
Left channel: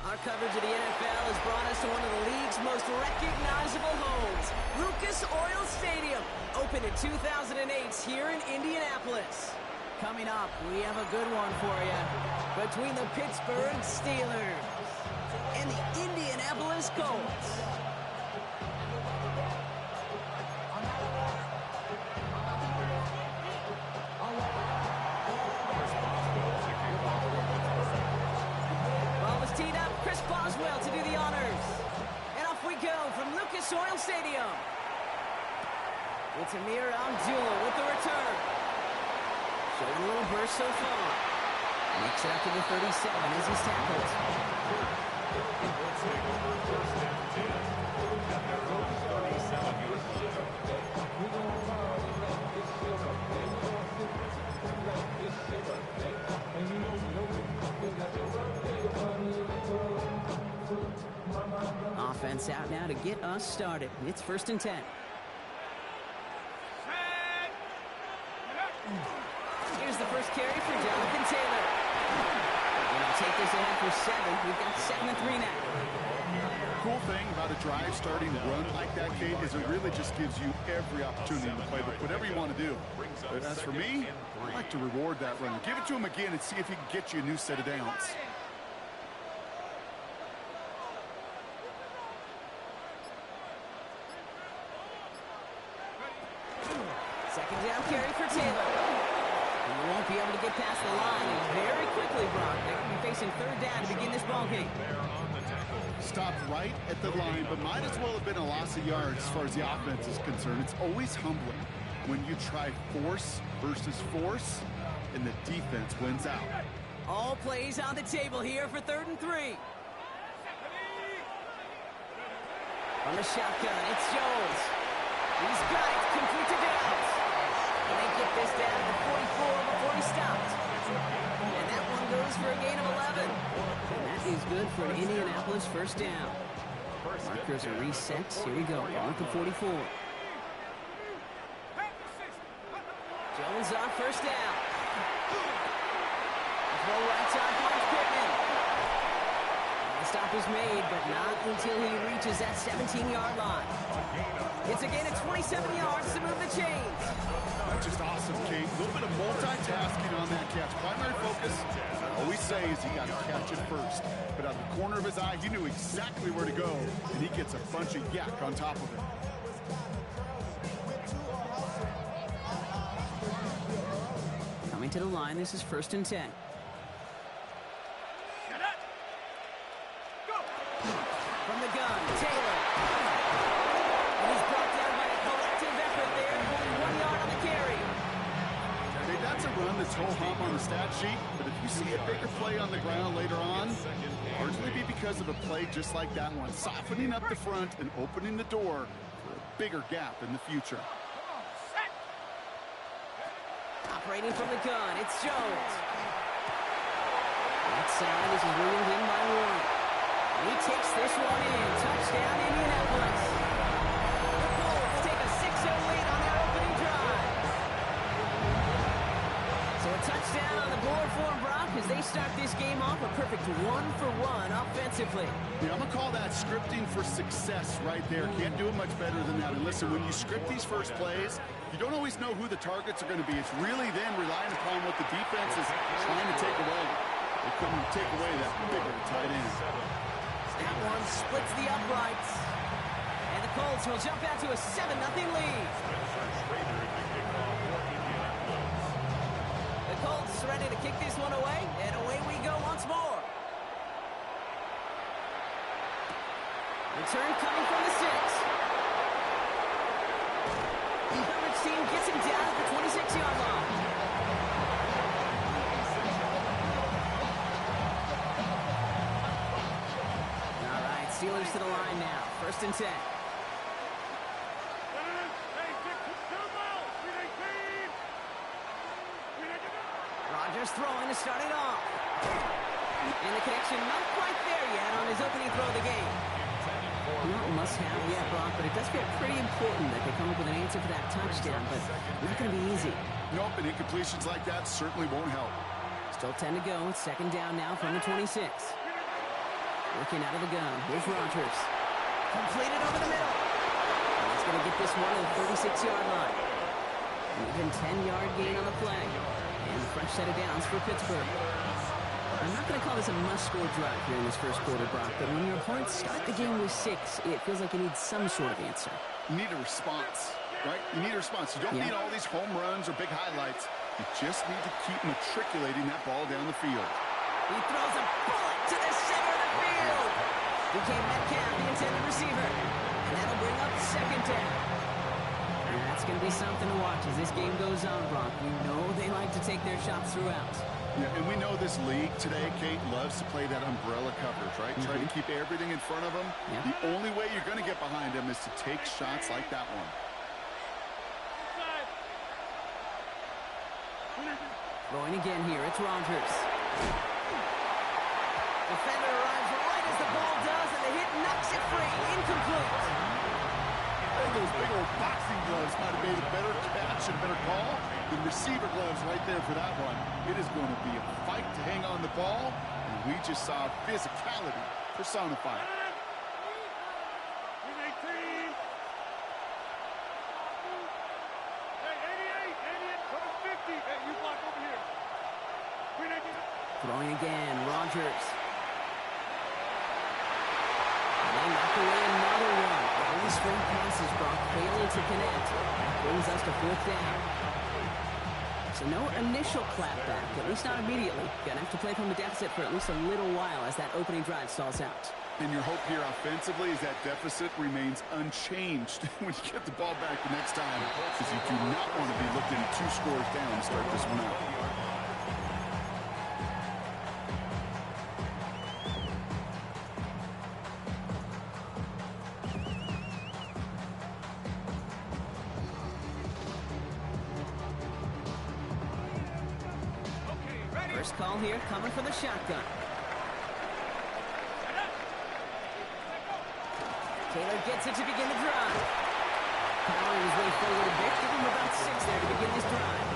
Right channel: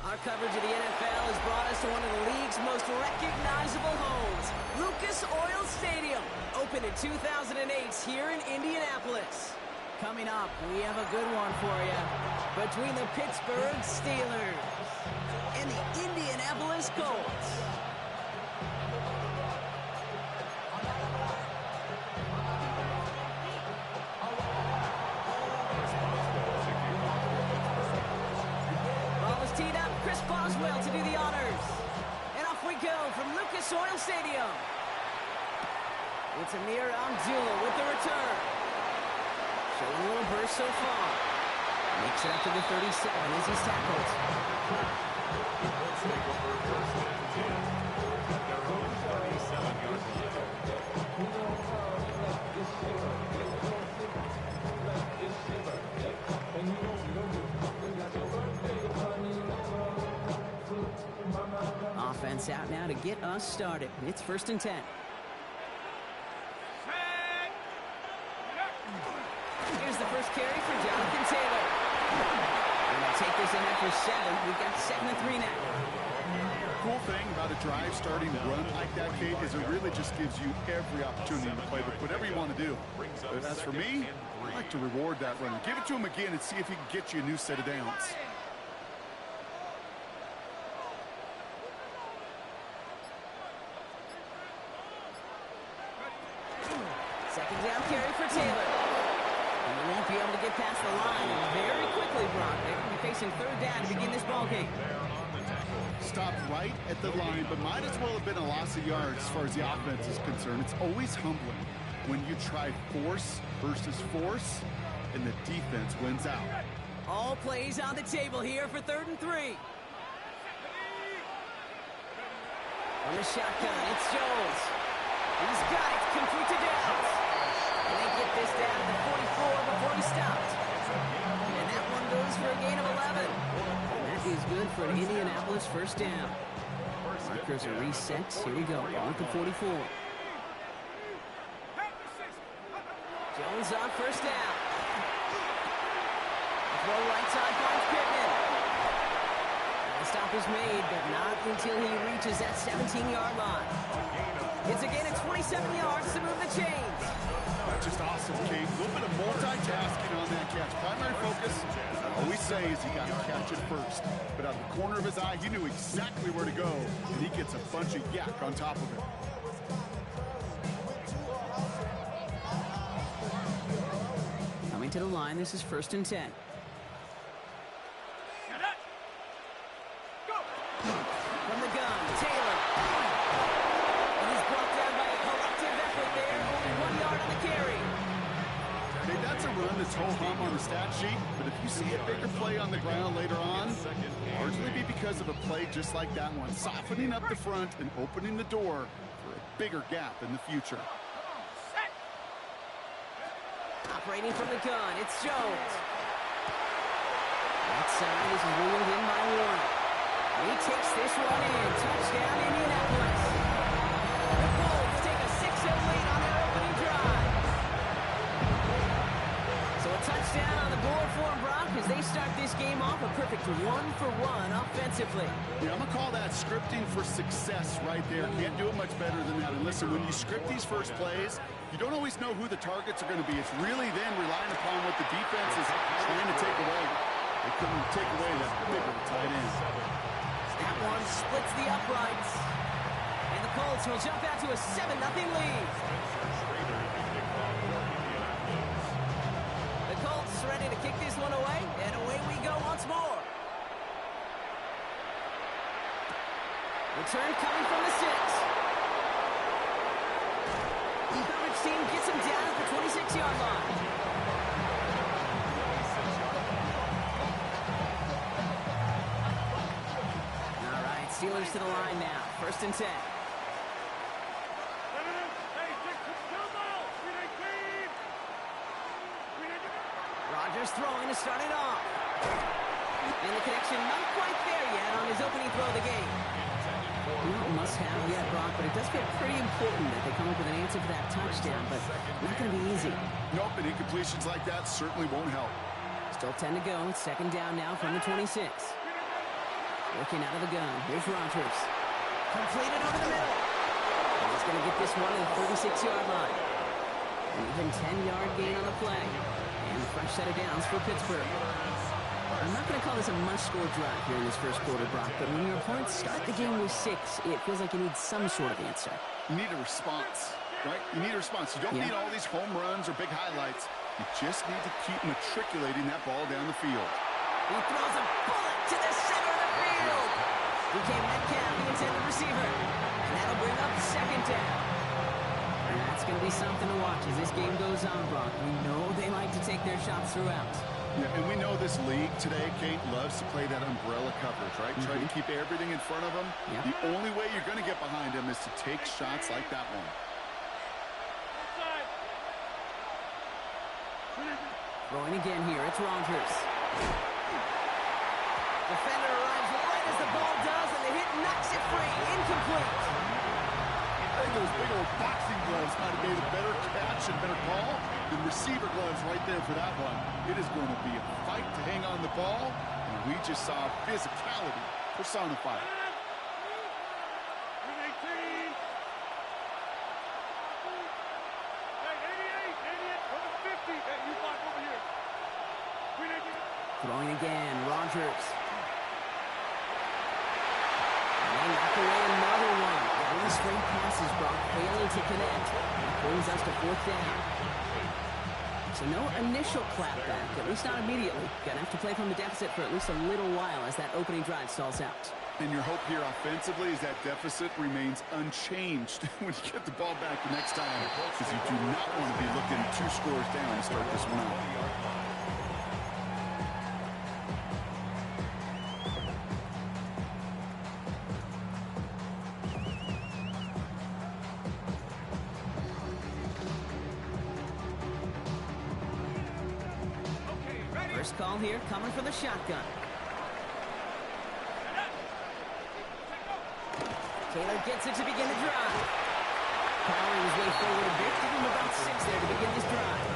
Our coverage of the NFL has brought us to one of the league's most recognizable homes, Lucas Oil Stadium, opened in 2008 here in Indianapolis. Coming up, we have a good one for you. Between the Pittsburgh Steelers and the Indianapolis Colts. Teed up, Chris Boswell to do the honors. And off we go from Lucas Oil Stadium. It's Amir Abdullah with the return. Showing a little burst so far. Makes it up to the 37 as he's tackled. Colts take over first and 10 at their own 37-yard line. Offense out now to get us started. It's first and 10. Here's the first carry for Jonathan Taylor. And he'll take this ahead for 7. We've got 2nd and 3 now. Cool thing about a drive starting to run like that, Kate, is it really just gives you every opportunity to play with whatever you want to do. But as for me, I like to reward that runner. Give it to him again and see if he can get you a new set of downs. Second down carry for Taylor. You won't be able to get past the line, and very quickly, Brock, they're going to be facing third down to begin this ball game. Stopped right at the line, but might as well have been a loss of yards as far as the offense is concerned. It's always humbling when you try force versus force, and the defense wins out. All plays on the table here for 3rd and 3. From the shotgun, it's Jones. He's got it, complete to Downs. And they get this down to the 44 before he stopped. And that one goes for a gain of 11. And that is good for an Indianapolis first down. Markers are reset. Here we go, on with the 44. Jones on first down. The throw right side finds Pittman. The stop is made, but not until he reaches that 17-yard line. It's a gain of 27 yards to move the chains. That's just awesome, Kate. A little bit of multitasking on that catch. Primary focus, I always say, is you got to catch it first. But out of the corner of his eye, he knew exactly where to go, and he gets a bunch of yak on top of it. Coming to the line, this is 1st and 10. From the gun, Taylor. And he's brought down by a collective effort there. Only 1 yard on the carry. Hey, that's a run that's ho-hum on the stat sheet, but if you see a bigger play on the ground later on, largely be because of a play just like that one, softening up the front and opening the door for a bigger gap in the future. Operating from the gun, it's Jones. Right side, this is wheeled in by Warren. He takes this one in. Touchdown, Indianapolis. The Colts take a 6-0 lead on their opening drive. So a touchdown on the board for them, Brock, as they start this game off a perfect 1-for-1 offensively. Yeah, I'm going to call that scripting for success right there. Can't do it much better than that. And listen, when you script these first plays, you don't always know who the targets are going to be. It's really then relying upon what the defense is trying to take away. They couldn't take away that bigger tight end. That one splits the uprights. And the Colts will jump out to a 7-0 lead. The Colts ready to kick this one away, and away we go once more. Return coming from the 6. The coverage team gets him down at the 26-yard line. Steelers to the line now. 1st and 10. Rodgers throwing to start it off. And the connection not quite there yet on his opening throw of the game. Not must have yet, Brock, but it does feel pretty important that they come up with an answer for that touchdown, but not going to be easy. Nope, and incompletions like that certainly won't help. Still 10 to go. 2nd down now from the 26. Working out of the gun. Here's Rodgers. Completed over the middle. And he's going to get this one to the 36-yard line. An even 10-yard gain on the play. And a fresh set of downs for Pittsburgh. I'm not going to call this a must-score drive here in this first quarter, Brock, but when your opponents start the game with 6, it feels like you need some sort of answer. You need a response, right? You need a response. You don't need all these home runs or big highlights. You just need to keep matriculating that ball down the field. He throws a bullet to the center of the field. Became Metcalf, the intended receiver. And that'll bring up 2nd down. And that's going to be something to watch as this game goes on, Brock. We know they like to take their shots throughout. Yeah, and we know this league today, Kate, loves to play that umbrella coverage, right? Try to keep everything in front of them. Yep. The only way you're going to get behind them is to take shots like that one. Throwing again here, it's Rodgers. Defender arrives right as the ball does, and the hit knocks it free. Incomplete. I think those big old boxing gloves might have made a better catch and a better call than receiver gloves right there for that one. It is going to be a fight to hang on the ball, and we just saw physicality personified. Throwing again, Rodgers. And they knock away another one. 3 straight passes, Brock, failing to connect. That brings us to 4th down. So no initial clapback, at least not immediately. Gonna have to play from a deficit for at least a little while as that opening drive stalls out. And your hope here offensively is that deficit remains unchanged when you get the ball back the next time, because you do not want to be looking 2 scores down to start this one out. First call here coming from the shotgun. Taylor gets it to begin the drive. Powering his way forward a bit. Give him about 6 there to begin this drive.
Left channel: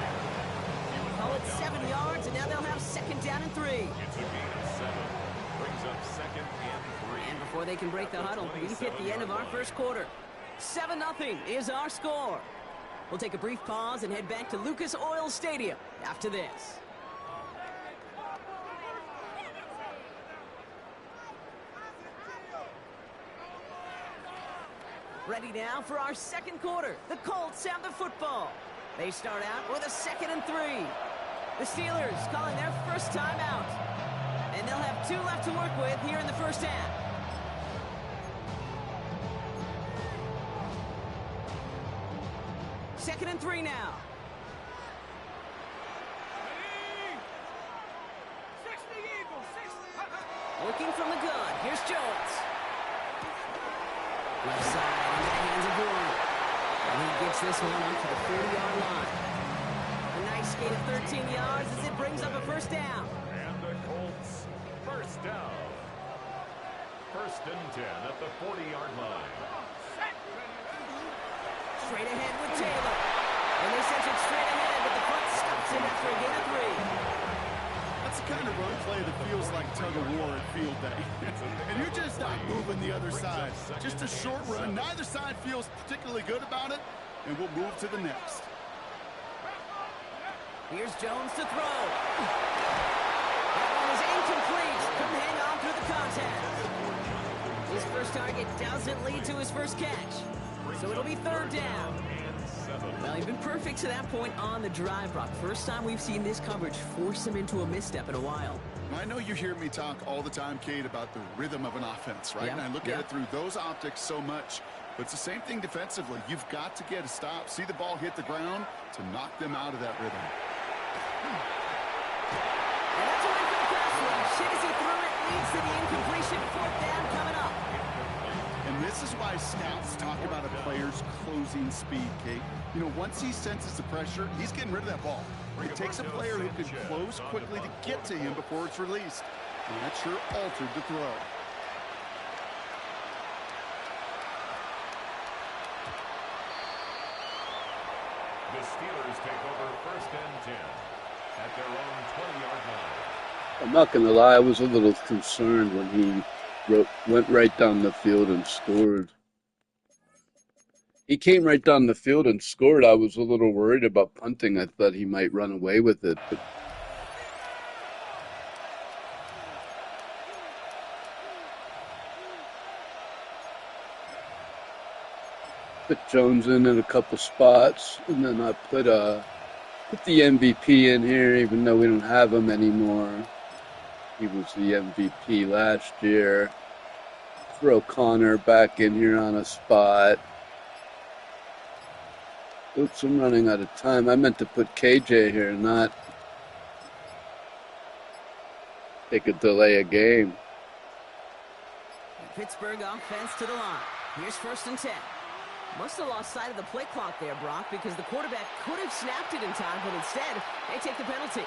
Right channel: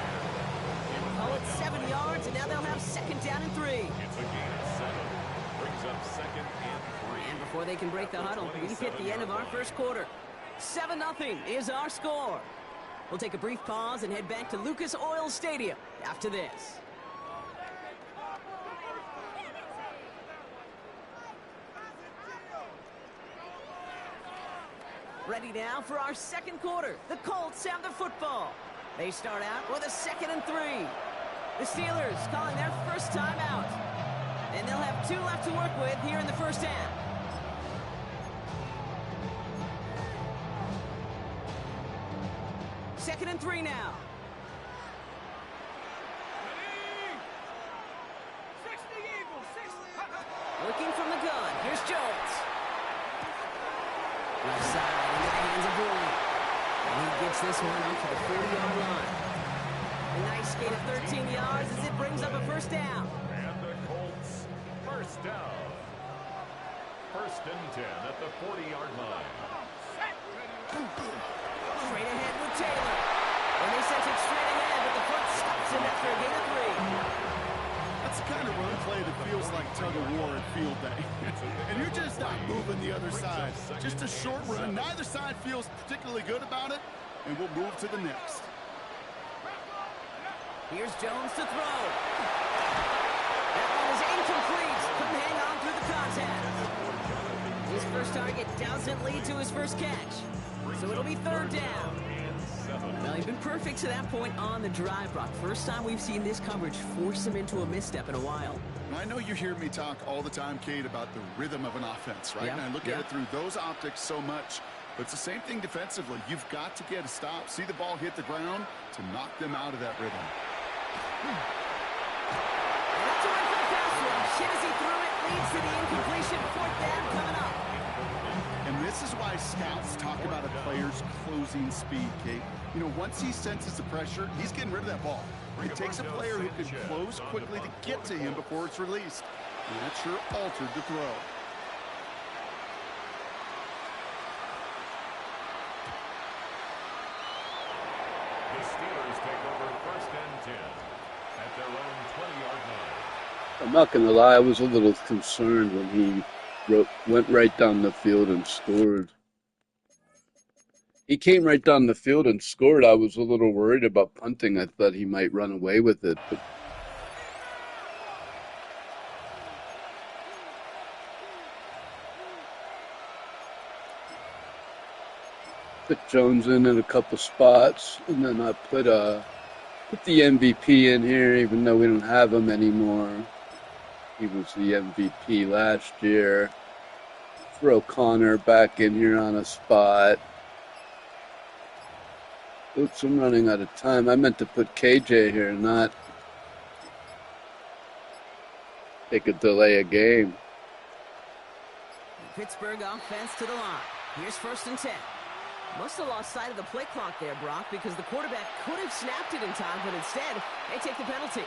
Call it 7 yards, and now they'll have 2nd down and 3. It's a gain of 7. Brings up 2nd and 3. And before they can break the huddle, we hit the end of our first quarter. 7-0 is our score. We'll take a brief pause and head back to Lucas Oil Stadium after this. Ready now for our second quarter. The Colts have the football. They start out with a 2nd and 3. The Steelers calling their first time out. And they'll have 2 left to work with here in the first half. Second and 3 now. Working from the gun. Here's Jones. Left side into the hands of Bourne. And he gets this one up to the 40-yard line. A nice gain of 13 yards as it brings up a first down. And the Colts, first down. 1st and 10 at the 40-yard line. Straight ahead with Taylor. And they sent it straight ahead, but the front stops him after a gain of 3. That's the kind of run play that feels like tug-of-war at field day. And you're just not moving the other side. Just a short run. Neither side feels particularly good about it, and we'll move to the next. Here's Jones to throw. That one is incomplete. Couldn't hang on through the contact. His first target doesn't lead to his first catch. So it'll be 3rd down. Well, he's been perfect to that point on the drive, Brock. First time we've seen this coverage force him into a misstep in a while. I know you hear me talk all the time, Kate, about the rhythm of an offense, right? Yeah. And I look at it through those optics so much. But it's the same thing defensively. You've got to get a stop, see the ball hit the ground to knock them out of that rhythm. And that's a win for the pass rush. Hit as he threw it, leads to the incompletion. 4th down coming up. And this is why scouts talk about a player's closing speed, Kate. You know, once he senses the pressure, he's getting rid of that ball. It takes a player who can close quickly to get to him before it's released. And that sure altered the throw. The Steelers take over 1st and 10 at their own 20-yard line. I'm not going to lie, I was a little concerned when he went right down the field and scored. He came right down the field and scored. I was a little worried about punting. I thought he might run away with it, but put Jones in a couple spots, and then I put the MVP in here, even though we don't have him anymore. He was the MVP last year. Throw Connor back in here on a spot. Oops, I'm running out of time. I meant to put KJ here, not take a delay a game. The Pittsburgh offense to the line. Here's 1st and 10. Must have lost sight of the play clock there, Brock, because the quarterback could have snapped it in time, but instead, they take the penalty.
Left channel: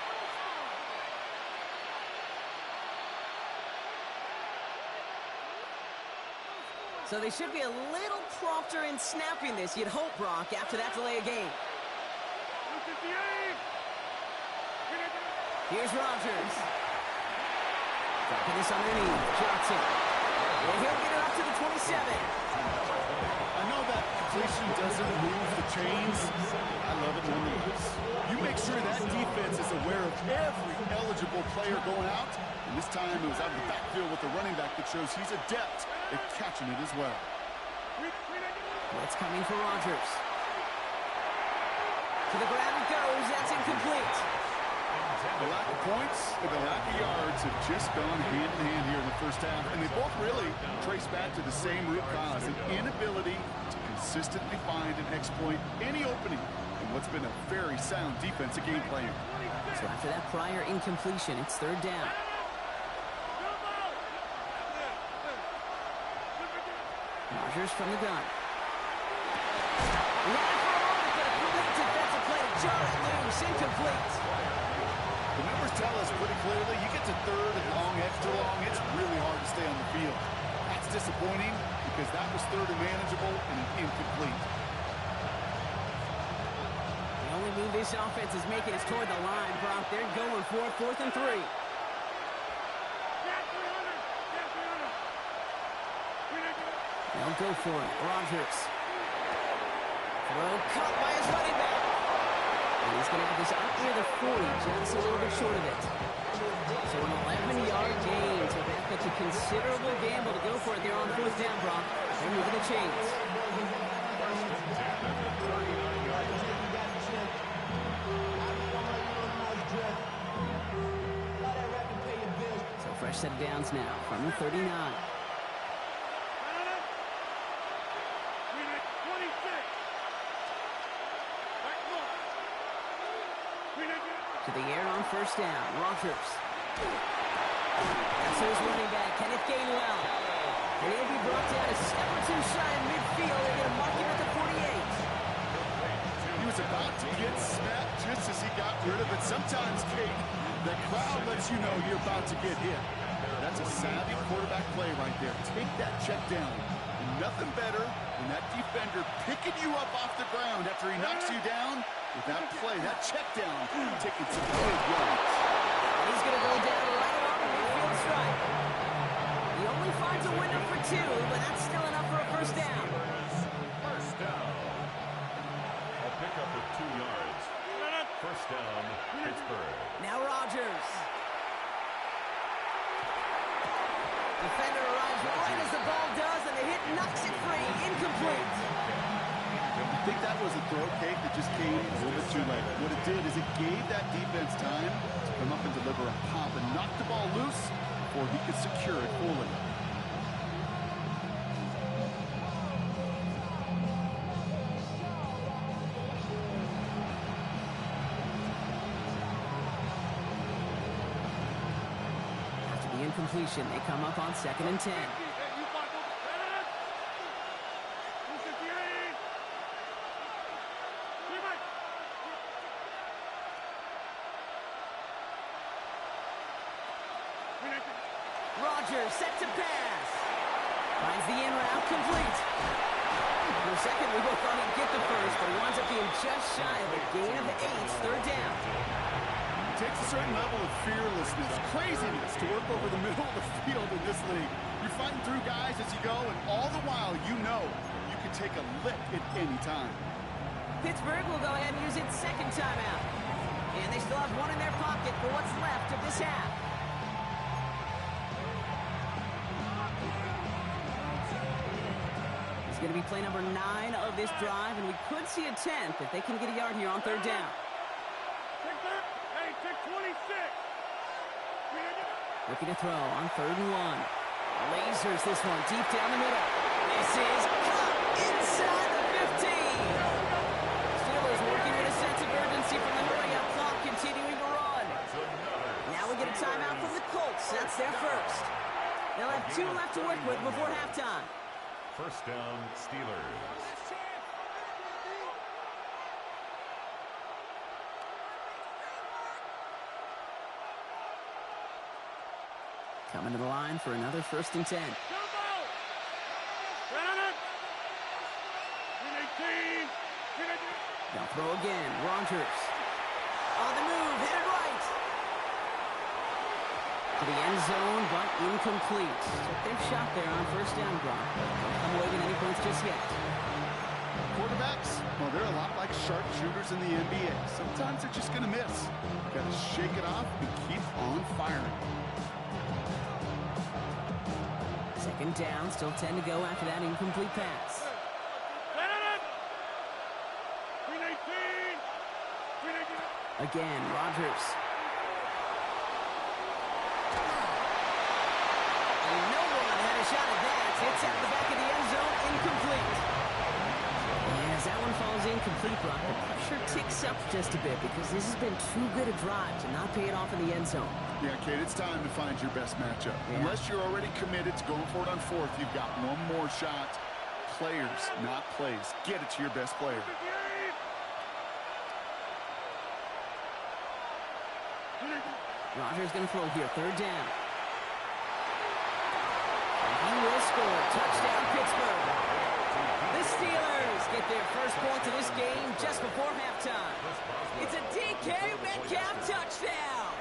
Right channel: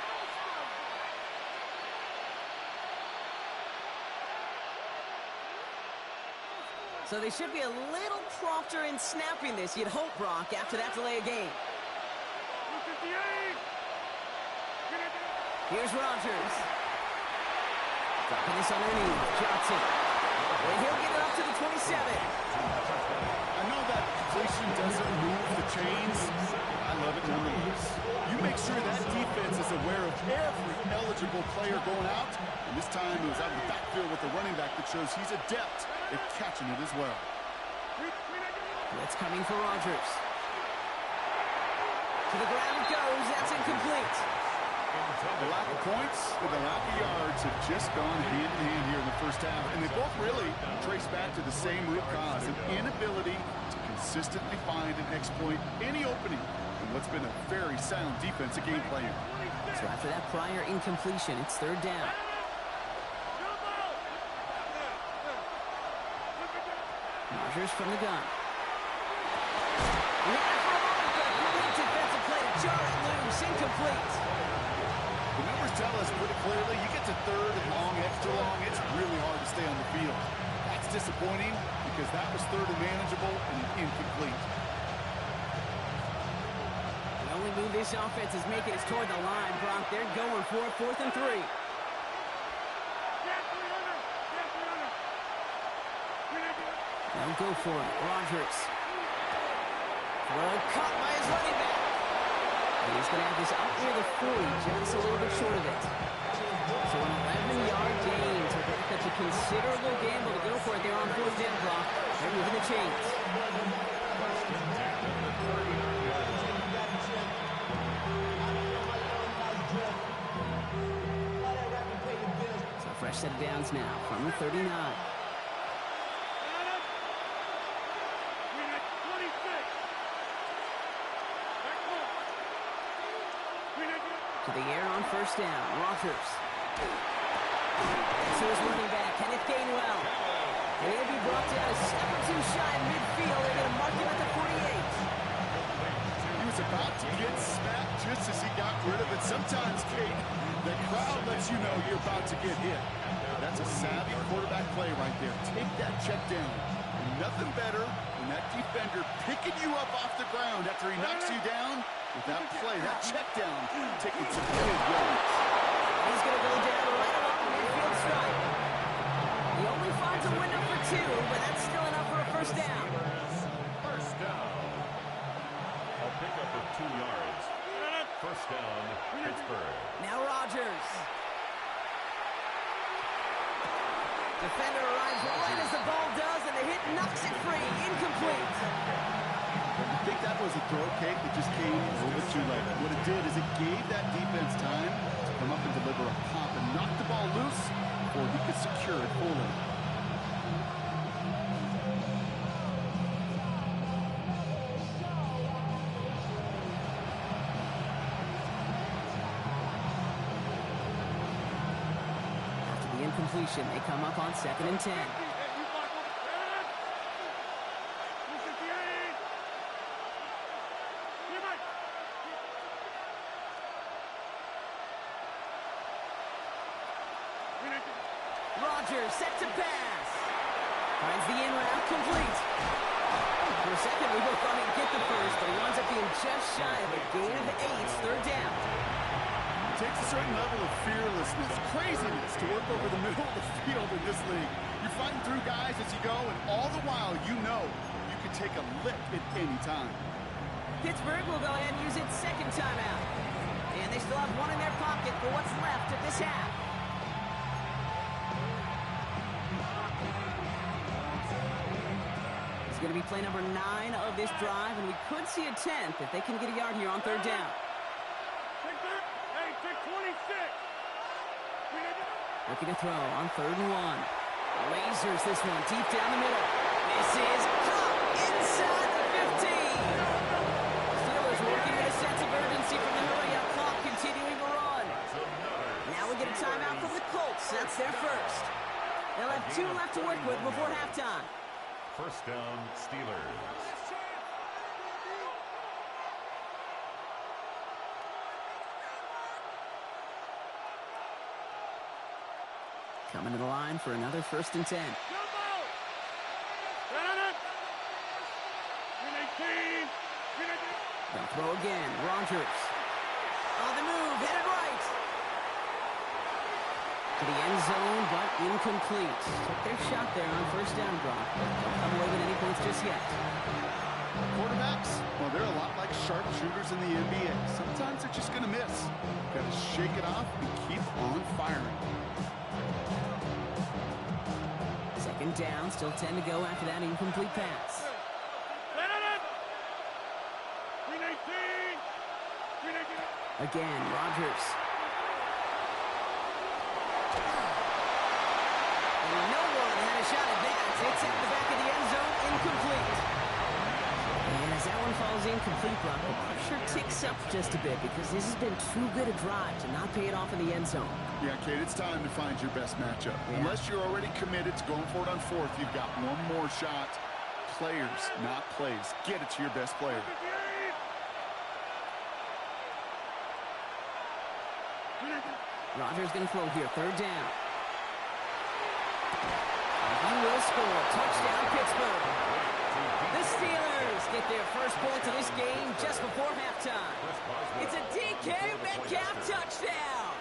So they should be a little prompter in snapping this, you'd hope, Brock, after that delay of game. Here's Rodgers. Dropping this underneath. Johnson. And he'll get it up to the 27. I know that completion doesn't move the chains. I love it nonetheless. You make sure that defense is aware of every eligible player going out. And this time it was out of the backfield with the running back that shows he's adept at catching it as well. Blitz coming for Rodgers. To the ground it goes. That's incomplete. The lack of points and the lack of yards have just gone hand in hand here in the first half, and they both really trace back to the same root cause, an inability to consistently find and exploit any opening in what's been a very sound defensive game plan. So after that prior incompletion, it's third down. Rodgers from the gun. Ran it for a moment, but a great defensive play to jar it loose. Incomplete. The numbers tell us pretty clearly, you get to third and long, extra long, it's really hard to stay on the field. That's disappointing because that was third and manageable and incomplete. The only move this offense is making is toward the line, Brock. They're going for it, 4th and 3. They'll go for it. Rodgers. Throw caught by his running back. And he's going to have this up near the 40, just a little bit short of it. So an 11-yard gain to back up a considerable gamble to go for it there on 4th down, Brock. They're moving the chains. First and 10 at the 39-yard line. So fresh set of downs now from the 39. To the air on first down. Rodgers. So his running back, Kenneth Gainwell. And he'll be brought down a step or two shy of midfield. They're going to mark him at the 48. He was about to get smacked just as he got rid of it. Sometimes, Kate, the crowd lets you know you're about to get hit. That's a savvy quarterback play right there. Take that check down. And nothing better than that defender picking you up off the ground after he knocks you down. With that play, that check down, taking some big yards. He's going to go down right along the midfield stripe. He only finds a window for 2, but that's still enough for a first down. First down. A pickup of 2 yards. First down, Pittsburgh. Now Rodgers. Defender arrives right as the ball does, and the hit knocks it free. Incomplete. I think that was a throw cake that just came a little bit too late. What it did is it gave that defense time to come up and deliver a pop and knock the ball loose before he could secure it fully. After the incompletion, they come up on 2nd and 10. Rodgers set to pass. Finds the in route complete. For a second, we both thought he'd get the first, but he winds up being just shy of a gain of 8. Third down. It takes a certain level of fearlessness, craziness to work over the middle of the field in this league. You're fighting through guys as you go, and all the while you know you can take a lick at any time. Pittsburgh will go ahead and use its second timeout. And they still have one in their pocket for what's left of this half. It's going to be play number 9 of this drive, and we could see a 10th if they can get a yard here on third down. Hey, take 26. Looking to throw on 3rd and 1. Lasers this one deep down the middle. This is caught inside the 15. Steelers working with a sense of urgency from the hurry-up clock, continuing to run. Now we get a timeout from the Colts. That's their first. They'll have 2 left to work with before halftime. First down, Steelers. Coming to the line for another 1st and 10. They'll throw again. Rodgers. On the move, hit it right. To the end zone, but incomplete. Took their shot there on first down, Brock. Don't come away with any points just yet. Quarterbacks, well, they're a lot like sharpshooters in the NBA. Sometimes they're just going to miss. Got to shake it off and keep on firing. 2nd down, still 10 to go after that incomplete pass. Again, Rodgers. And no one had a shot at that. It's at the back of the end zone, incomplete. And as that one falls incomplete, Brock, the pressure ticks up just a bit because this has been too good a drive to not pay it off in the end zone. Yeah, Kate, it's time to find your best matchup. Yeah. Unless you're already committed to going for it on fourth, you've got one more shot. Players, not plays. Get it to your best player. Rodgers going to throw here, third down. And he will score. Touchdown, Pittsburgh. The Steelers get their first point of this game just before halftime. It's a DK Metcalf touchdown.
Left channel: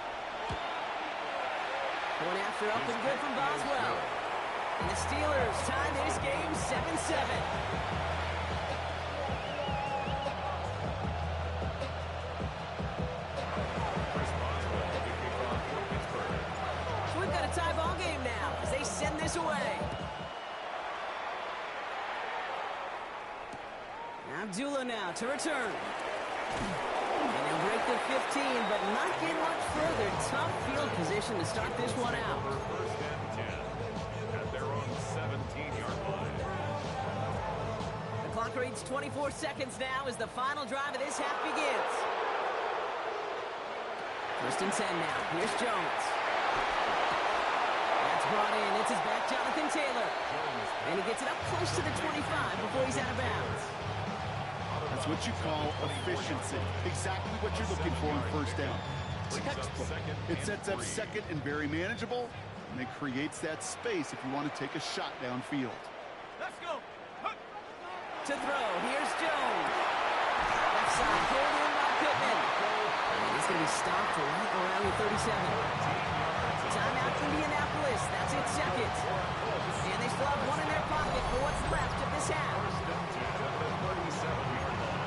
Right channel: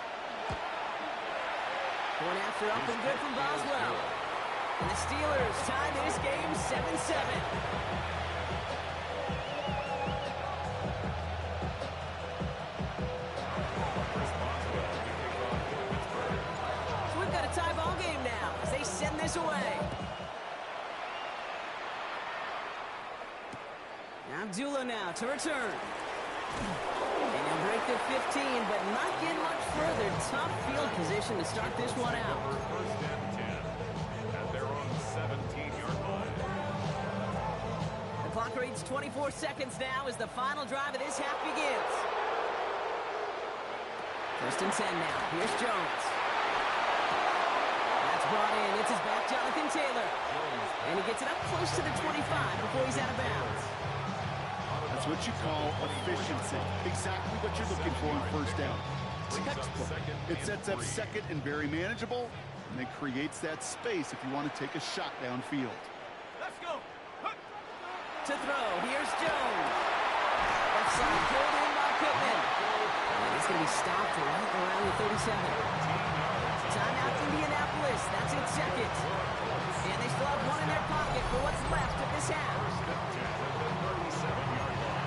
Point after up and good from Boswell. And the Steelers tie this game 7-7. So we've got a tie ball game now as they send this away. Abdullah now to return. And he'll break the 15, but not get much further. Tough field position to start this one out. First and 10 at their own 17-yard line. The clock reads 24 seconds now as the final drive of this half begins. First and 10 now. Here's Jones. That's brought in. It's his back, Jonathan Taylor. And he gets it up close to the 25 before he's out of bounds. That's what you call efficiency. Exactly what you're looking for on first down. Textbook. It sets up second and very manageable, and it creates that space if you want to take a shot downfield. Let's go. To throw, here's Jones. Left side, pulled in by Pittman. And he's going to be stopped right around the 37. Timeout, Indianapolis. That's its second. And they still have one in their pocket for what's left of this half. First and 10 at the 37-yard line.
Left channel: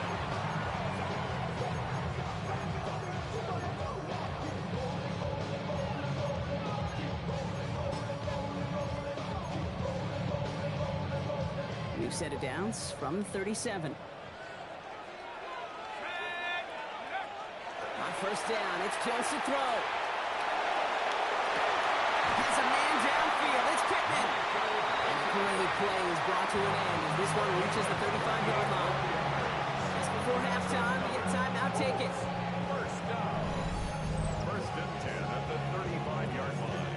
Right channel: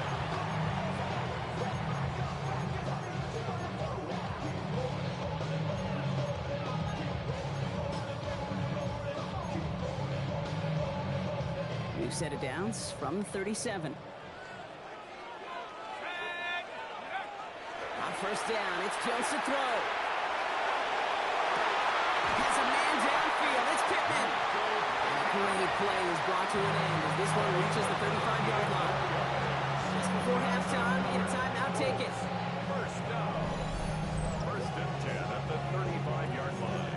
New set of downs from 37. On first down, it's Jones to throw. Has a man downfield. It's Pittman. And a great play is brought to an end as this one reaches the 35-yard line. Just before halftime, we get a timeout. Take it. First down. First and 10 at the 35-yard line.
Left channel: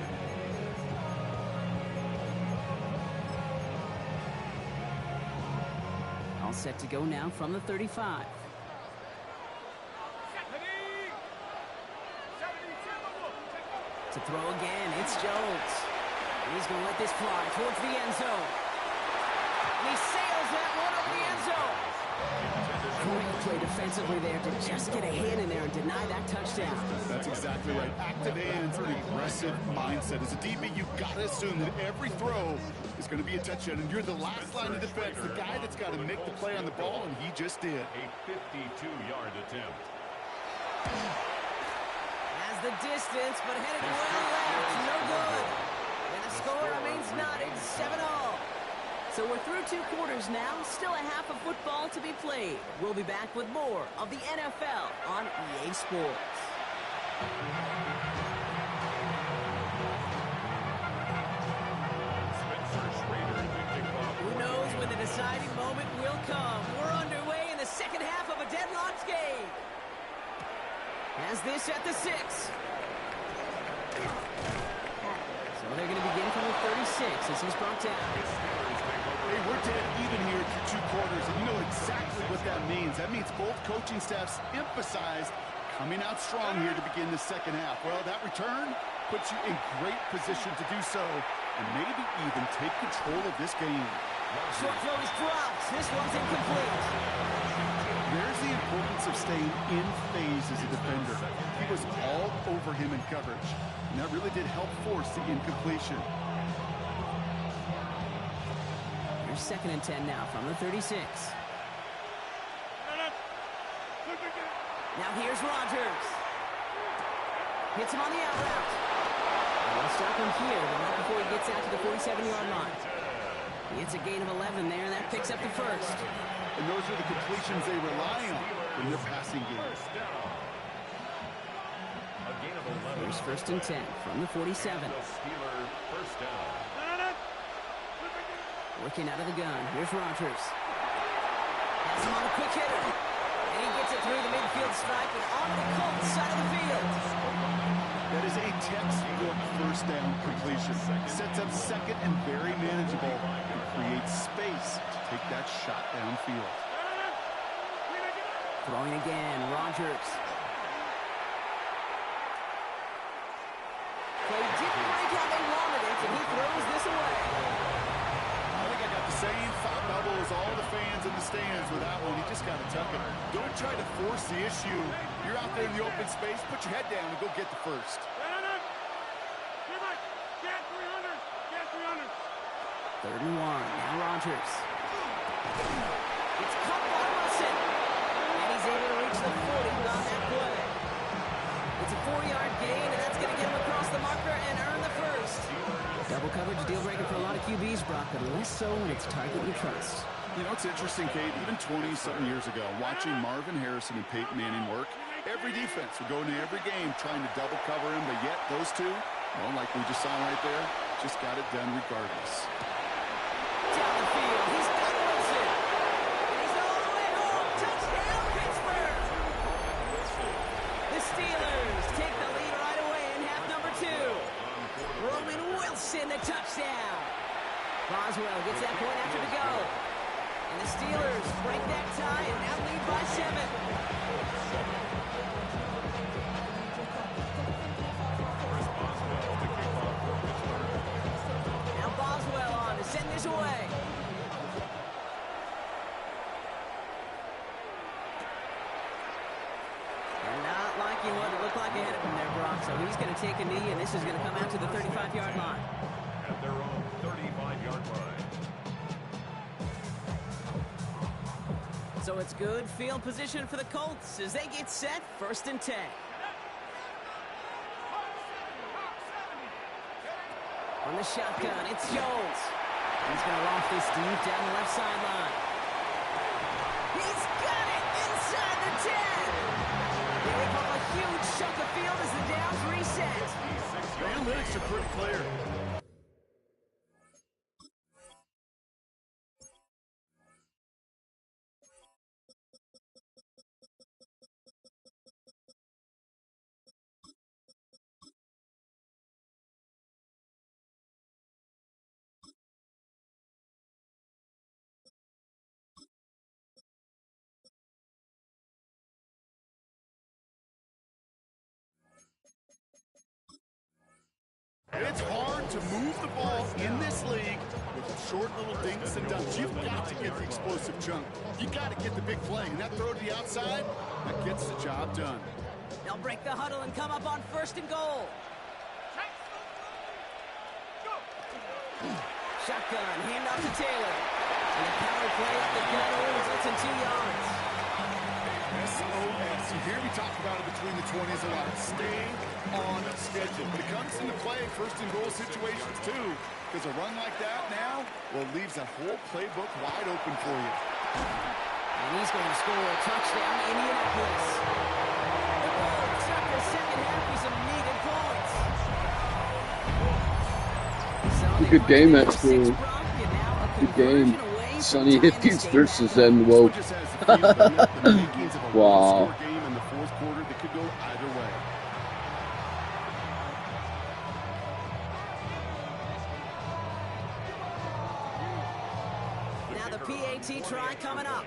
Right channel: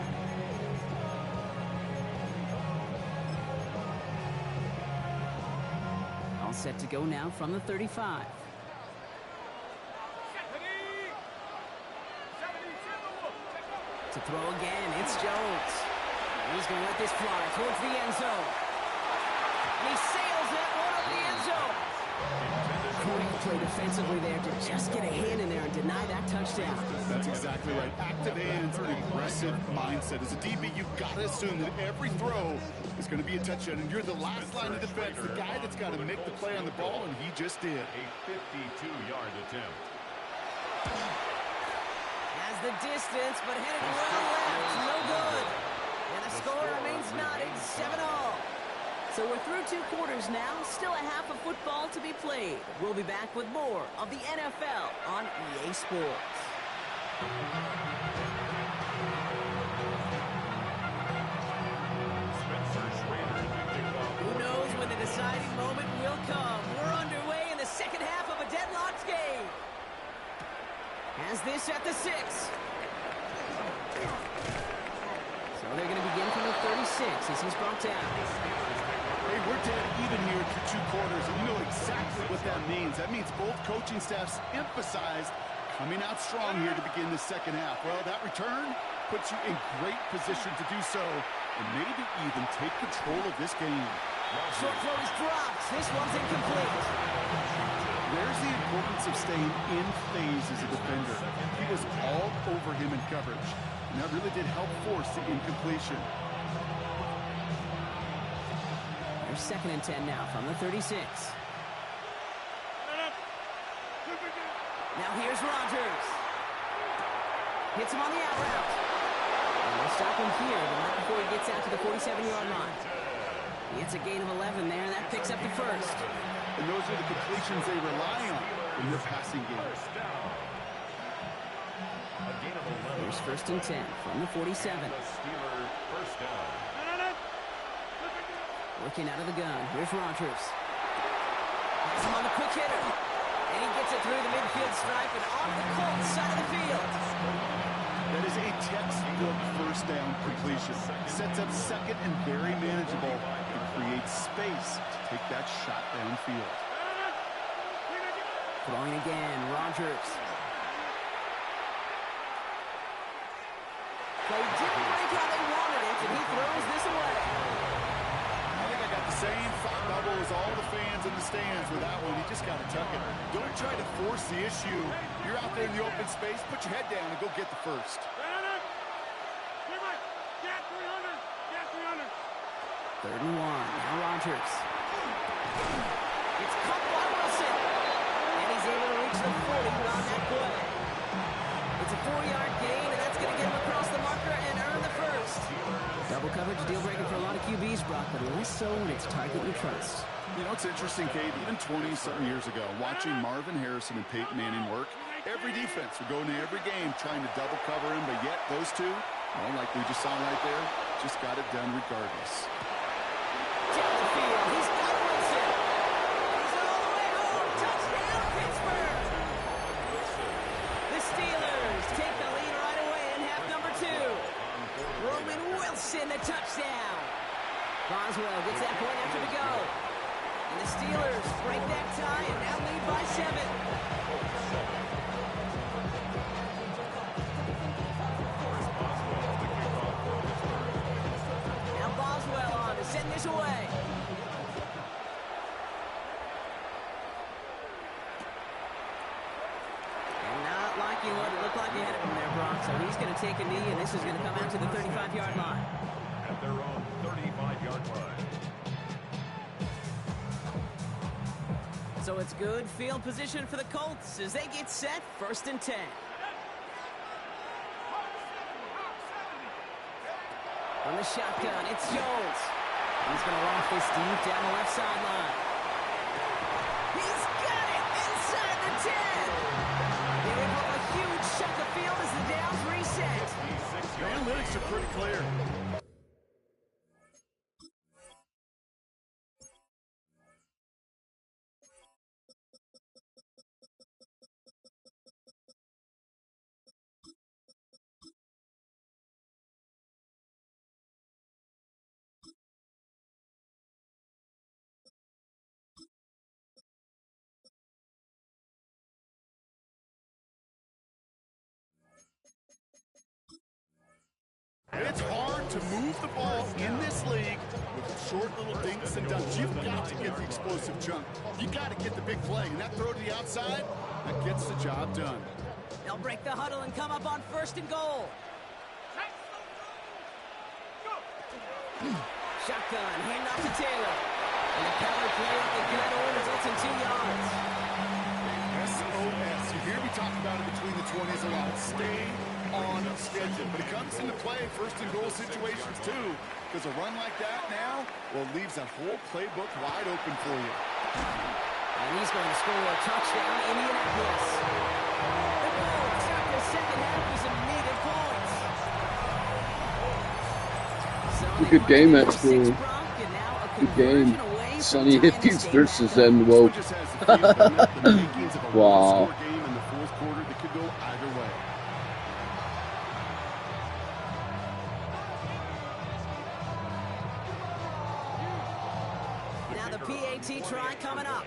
All set to go now from the 35. To throw again, it's Jones. And he's going to let this fly towards the end zone. And he sails that one over the end zone. Great play defensively there to just get a hand in there and deny that touchdown. That's exactly right. Active hands, an aggressive mindset. As a DB, you've got to assume that every throw is going to be a touchdown, and you're the last line of defense, the guy that's got to make the play on the ball, and he just did. A 52-yard attempt. Has the distance, but headed well left. No good. And the score remains knotted, 7-all. So we're through 2 quarters now. Still a half of football to be played. We'll be back with more of the NFL on EA Sports. Who knows when the deciding moment will come? We're underway in the second half of a deadlocked game. Has this at the 6. So they're going to begin from the 36 as he's brought down. Hey, we're dead even here through 2 quarters, and you know exactly what that means. That means both coaching staffs emphasized coming out strong here to begin the second half. Well, that return puts you in great position to do so, and maybe even take control of this game. Short throw is dropped. This one's incomplete. There's the importance of staying in phase as a defender. He was all over him in coverage, and that really did help force the incompletion. Here's second and 10 now from the 36. Now here's Rodgers. Hits him on the out route. And they'll stop him here, but not before he gets out to the 47-yard line. He hits a gain of 11 there, and that picks up the first. And those are the completions they rely on in their passing game. A gain of 11. Here's 1st and 10 from the 47. And the Steeler first down. Working out of the gun. Here's Rodgers. Has him on the quick hitter. And he gets it through the midfield stripe and onto the Colts side of the field. That is a textbook first down completion. Sets up second and very manageable. It creates space to take that shot downfield. Throwing again, Rodgers. Play didn't break how they wanted it, and he throws this away. I think I got the same thought bubble as all the fans in the stands with that one. You just got to tuck it. Don't try to force the issue. You're out there in the open space. Put your head down and go get the first. Third and 1. Now Rodgers. It's caught by Wilson. And he's able to reach the 40 on that play. It's a 4-yard gain, and that's going to get him across the marker and earn the first. Double coverage, deal breaker for a lot of QBs, Brock, but less so when it's target you trust. You know, it's interesting, Kate, even 20-something years ago, watching Marvin Harrison and Peyton Manning work, every defense would go into every game trying to double cover him, but yet those two, well, like we just saw right there, just got it done regardless. Down the field, he's got Wilson. And he's all the way home. Touchdown, Pittsburgh. The Steelers take the lead right away in half number 2. Roman Wilson, the touchdown. Boswell gets that point after the go. And the Steelers break that tie and now lead by 7. Now Boswell on to send this away. And not liking what it looked like ahead of him there, Brock. So he's going to take a knee, and this is going to come out to the 35-yard line. At their own 35-yard line. So it's good field position for the Colts as they get set, 1st and 10. On the shotgun, it's Jones. He's going to loft this deep down the left sideline. He's got it inside the 10. They rip up a huge chunk of field as the downs reset. The analytics are pretty clear. It's hard to move the ball in this league with short little dinks and dunks. You've got to get the explosive chunk. You got to get the big play. And that throw to the outside, that gets the job done. They'll break the huddle and come up on 1st and goal. Shotgun, hand off to Taylor. And the power play up the gut only results in 2 yards. SOS. You hear me talk about it between the 20s a lot. Stay on schedule. But it comes into play 1st and goal situations too. Because a run like that now, well, leaves that whole playbook wide open for you. And he's going to score a touchdown, Indianapolis. The Colts start the second half with some needed points. So Good game at school. Good game. Sonny Hippies versus NWO. Wow. Game in the 4th quarter that could go either way. Now the PAT try coming up.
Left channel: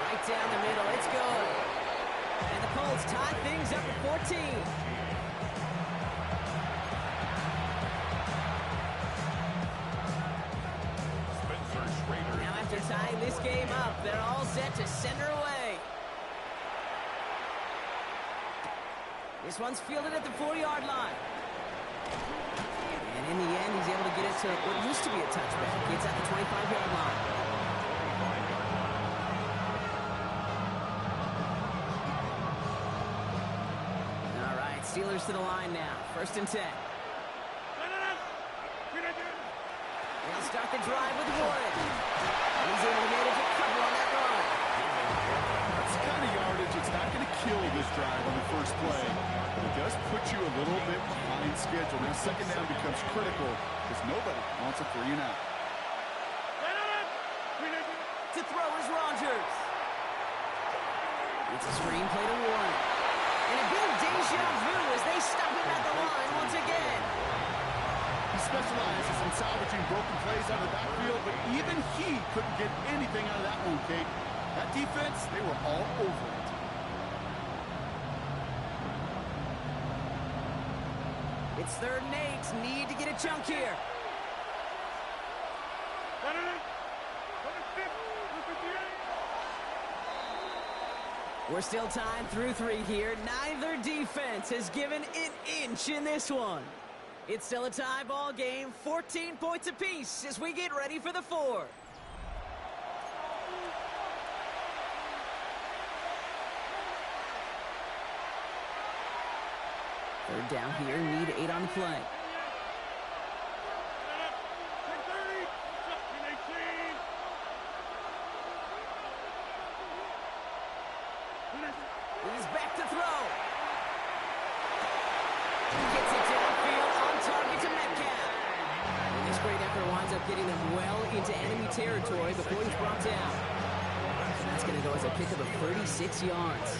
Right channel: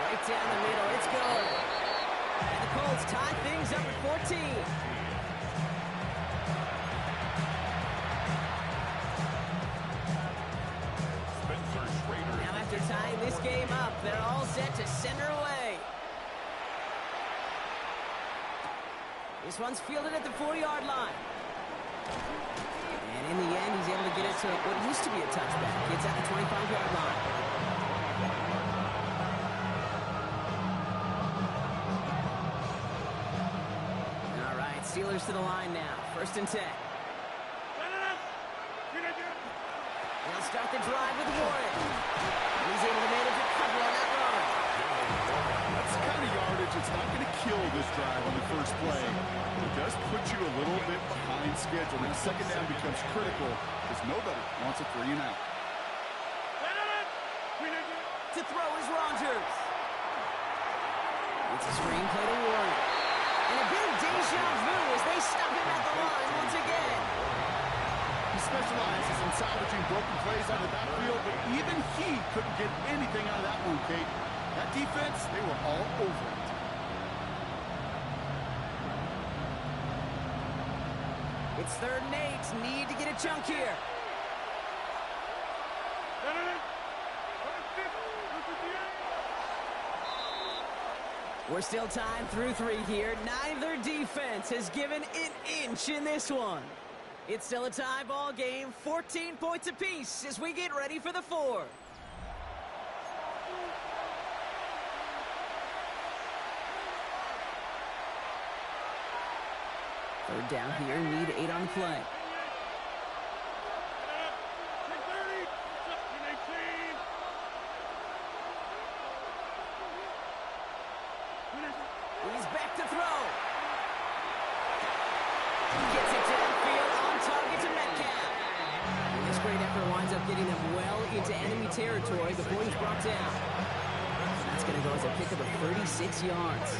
Right down the middle, it's good. And the Colts tie things up at 14. Now after tying this game up, they're all set to send her away. This one's fielded at the 4-yard line. And in the end, he's able to get it to what used to be a touchback. It's at the 25-yard line. All right, Steelers to the line now. 1st and 10. They'll start the drive with Warren. And he's able to manage a couple on that run. That's the kind of yardage this drive on the first play. It does put you a little bit behind schedule. Now second down becomes critical because nobody wants a 3 and out. To throw is Rodgers. It's a screenplay to Warren. And a bit of deja vu as they stop him at the line once again. He specializes in salvaging broken plays out of the backfield, but even he couldn't get anything out of that one, Kate. That defense, they were all over it. It's 3rd and 8. Need to get a chunk here. We're still tied through 3 here. Neither defense has given an inch in this one. It's still a tie ball game, 14 points apiece as we get ready for the 4th. Third down here, need 8 on the play. He's back to throw. Gets it downfield, on target to Metcalf. And this great effort winds up getting them well into enemy territory before he's brought down. And that's going to go as a pickup of 36 yards.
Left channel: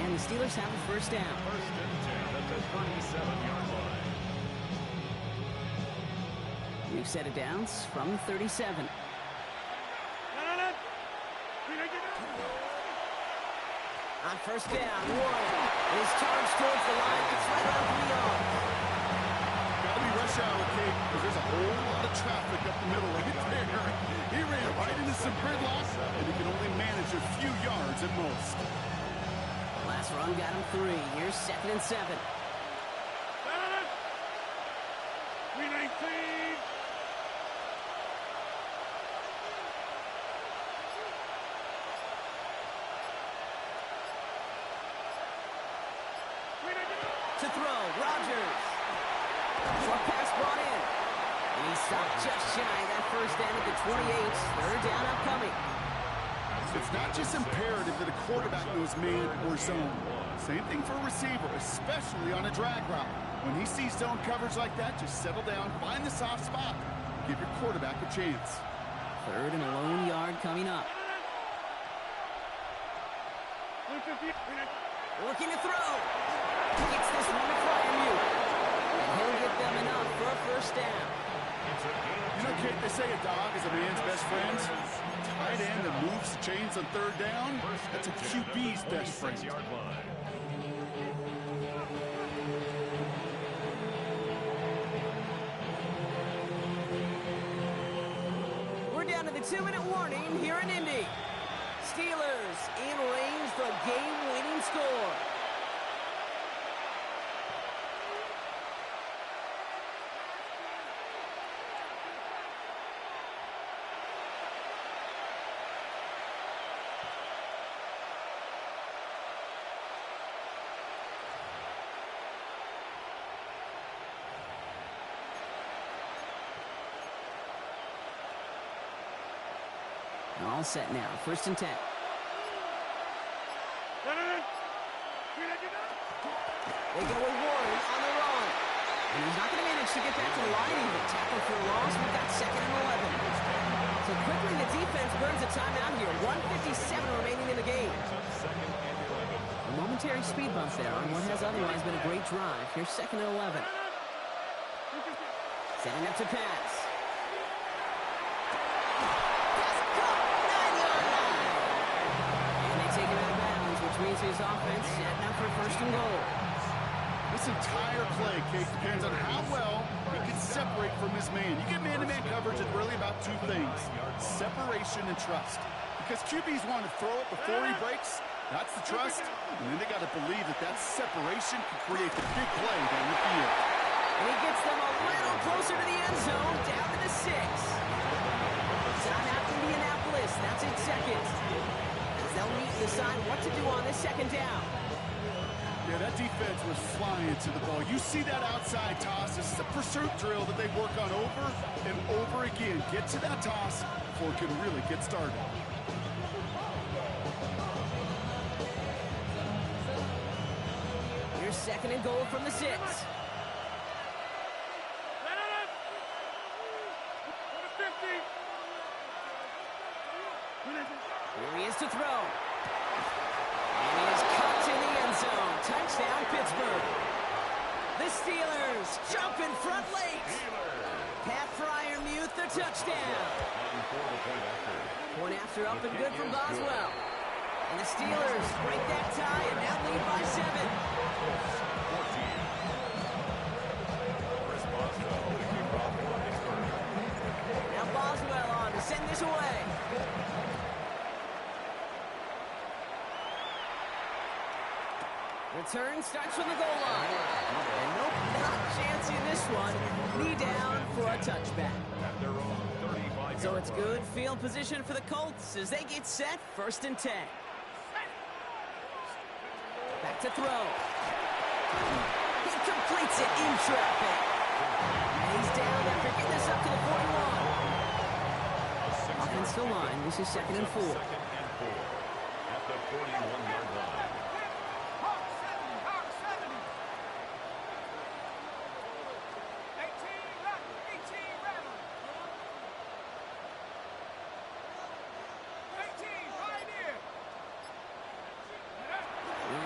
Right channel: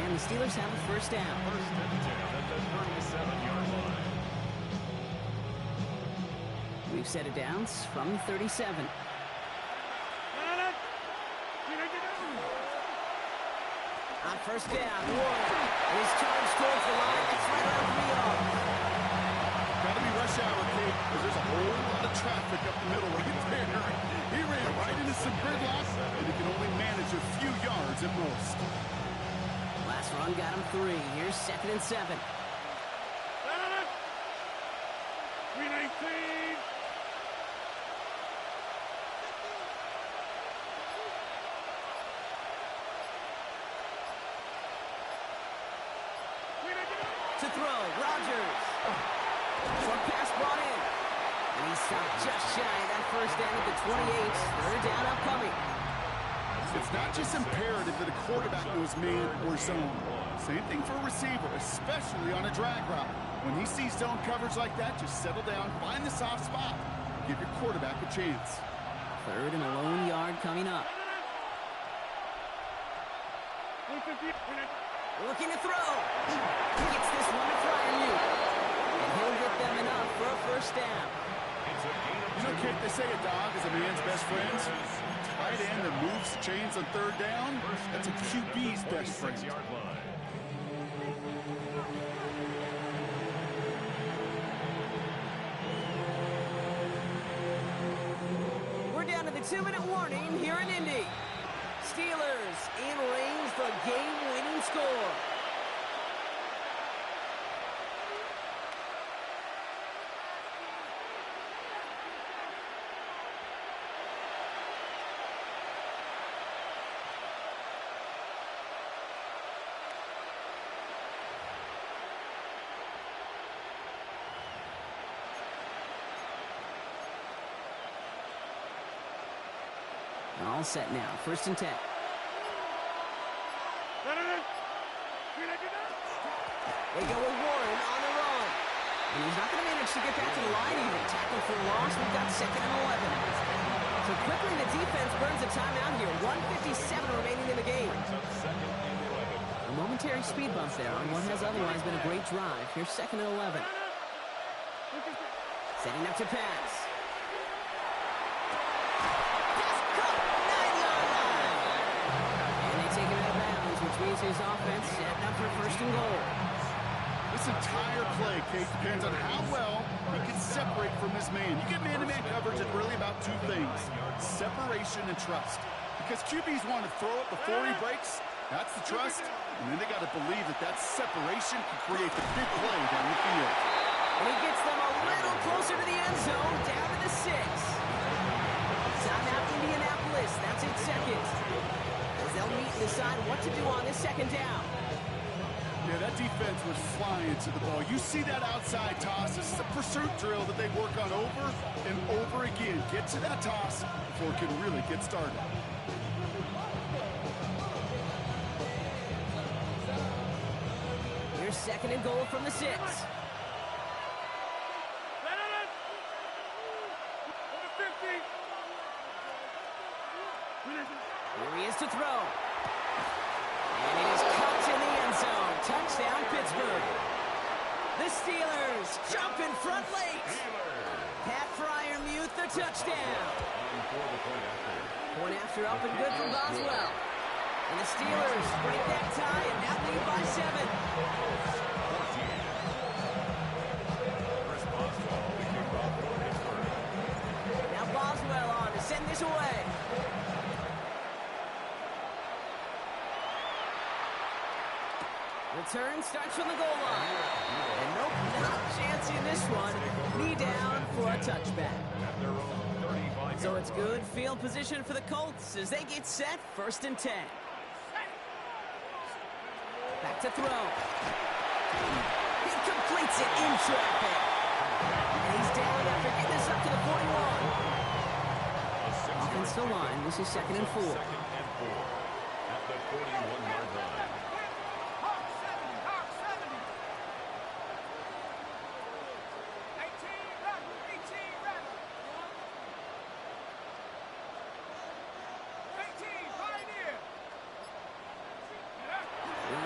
And the Steelers have the first down. First and 10 at the 37-yard line. We've set it down from the 37. On first down, Warren is charged towards the line. It's right around 3 yards. Got to be rush hour, Kate, because there's a whole lot of traffic up the middle right there. He ran right into some gridlock, and he can only manage a few yards at most. Last run got him 3. Here's 2nd and 7. 319. To throw, Rodgers. Short pass brought in. And he stopped just shy of that first down at the 28. 3rd down upcoming. It's not just imperative that a quarterback knows man or zone. Same thing for a receiver, especially on a drag route. When he sees zone coverage like that, just settle down, find the soft spot. Give your quarterback a chance. 3rd and a lone yard coming up. Looking to throw. Gets this one to Fryermuth. And he'll get them enough for a first down. You know, Kate, they say a dog is a man's best friend. Tight end that moves the chains on 3rd down, that's a QB's best friend. We're down to the 2-minute warning here in Indy. Steelers in range for a game-winning score. All set now. 1st and 10. They go with Warren on the run. And he's not going to manage to get back to the line even. Tackle for a loss. We've got 2nd and 11. So quickly the defense burns a timeout here. 1:57 remaining in the game. A momentary speed bump there on what has otherwise been a great drive. Here's 2nd and 11. Setting up to pass. Take him out of bounds, which means his offense setting up for 1st and goal. This entire play, Kate, depends on how well he can separate from his man. You get man-to-man coverage, it's really about 2 things, separation and trust. Because QBs want to throw it before he breaks, that's the trust, and then they got to believe that that separation can create the big play down the field. And he gets them a little closer to the end zone, down to the 6. Timeout Indianapolis, that's its 2nd. They'll meet and decide what to do on this 2nd down. Yeah, that defense was flying to the ball. You see that outside toss. This is a pursuit drill that they work on over and over again. Get to that toss before it can really get started. Here's 2nd and goal from the 6. Here he is to throw. And it is cut in the end zone. Touchdown, Pittsburgh. The Steelers jump in front late. Pat Fryermuth, the touchdown. Point after up and good from Boswell. And the Steelers break that tie and now lead by 7. 14. Chris Boswell, the kickoff for Pittsburgh. Now Boswell on to send this away. Return starts from the goal line. And nope, not chancing this one. Knee down for a touchback. At their own 35. So it's good field position for the Colts as they get set 1st and 10. Back to throw. He completes it in traffic. And he's down after getting this up to the 41. Offensive line, this is 2nd and 4. 2nd and 4 at the 41-yard line.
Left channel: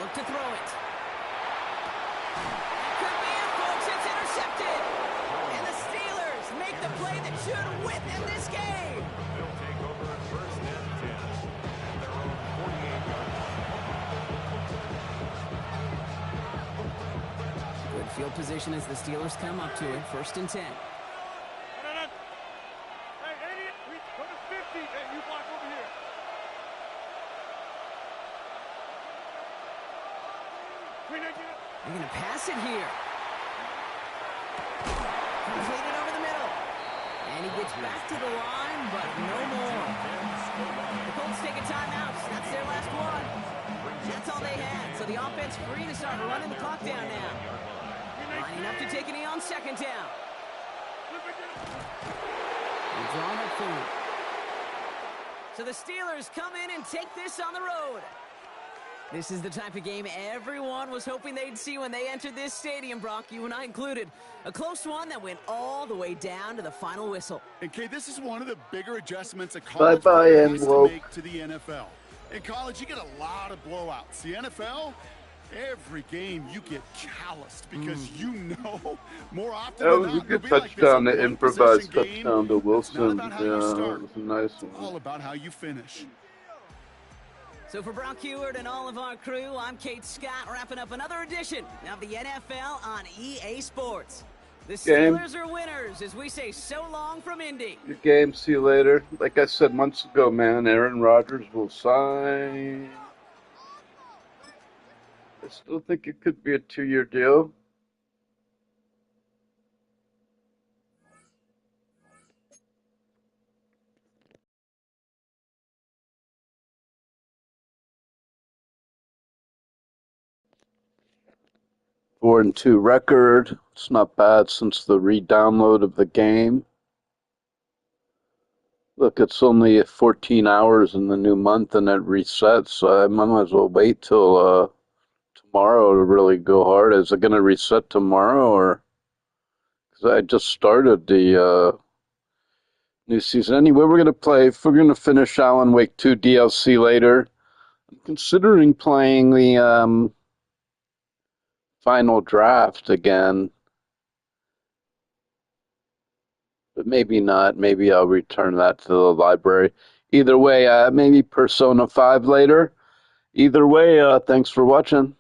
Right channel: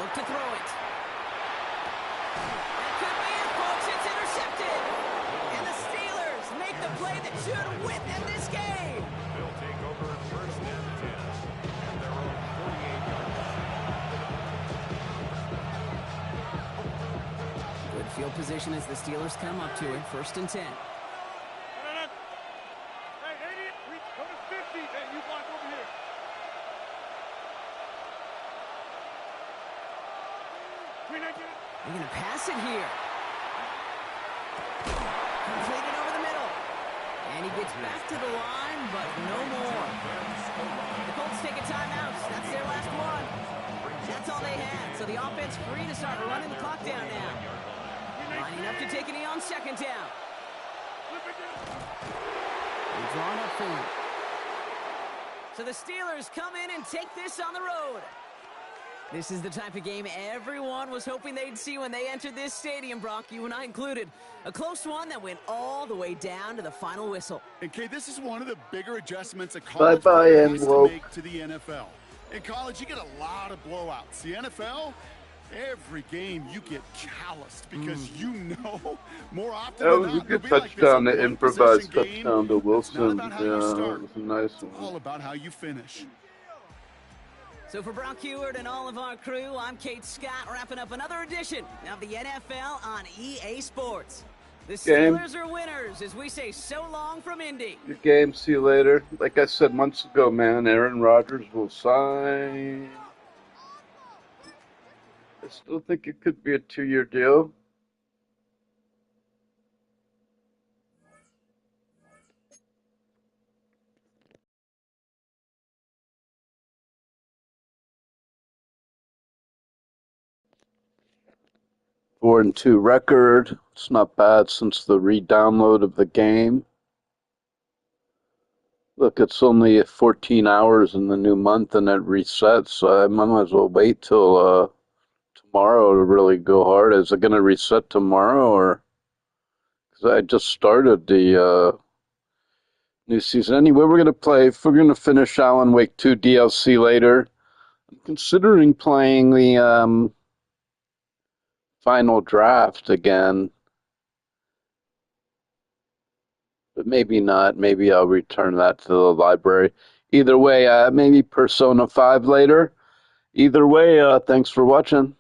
Look to throw it. That could be it, folks. It's intercepted. And the Steelers make the play that should win them this game. They'll take over at 1st and 10 at their own 48-yard line. Good field position as the Steelers come up to it. 1st and 10. Hey, 80, we go to 50. Hey, you block over here. They're going to pass it here. Completed over the middle. And he gets back to the line, but no more. The Colts take a timeout. That's their last one. That's all they had. So the offense free to start running the clock down now. Lining up to take a knee on 2nd down. He's drawn up for him. So the Steelers come in and take this on the road. This is the type of game everyone was hoping they'd see when they entered this stadium, Brock, you and I included. A close one that went all the way down to the final whistle. And, Kay, this is one of the bigger adjustments a college has to make to the NFL. In college, you get a lot of blowouts. The NFL, every game you get calloused because you know more often That than was a not, good it'll be touchdown, like the this, improvised one-possession game. touchdown to Wilson. It's not about how you start. It was a nice It's one. all about how you finish. So for Brock Heward and all of our crew, I'm Kate Scott, wrapping up another edition of the NFL on EA Sports. The Steelers are winners as we say so long from Indy. Good game. See you later. Like I said months ago, man, Aaron Rodgers will sign. I still think it could be a 2-year deal. - 4-2 record. It's not bad since the re-download of the game. Look, it's only 14 hours in the new month and it resets, so I might as well wait till tomorrow to really go hard. Is it going to reset tomorrow, or? Because I just started the new season. Anyway, we're going to play. If we're going to finish Alan Wake 2 DLC later, I'm considering playing the final draft again. But maybe not. Maybe I'll return that to the library. Either way, maybe Persona 5 later. Either way, thanks for watching.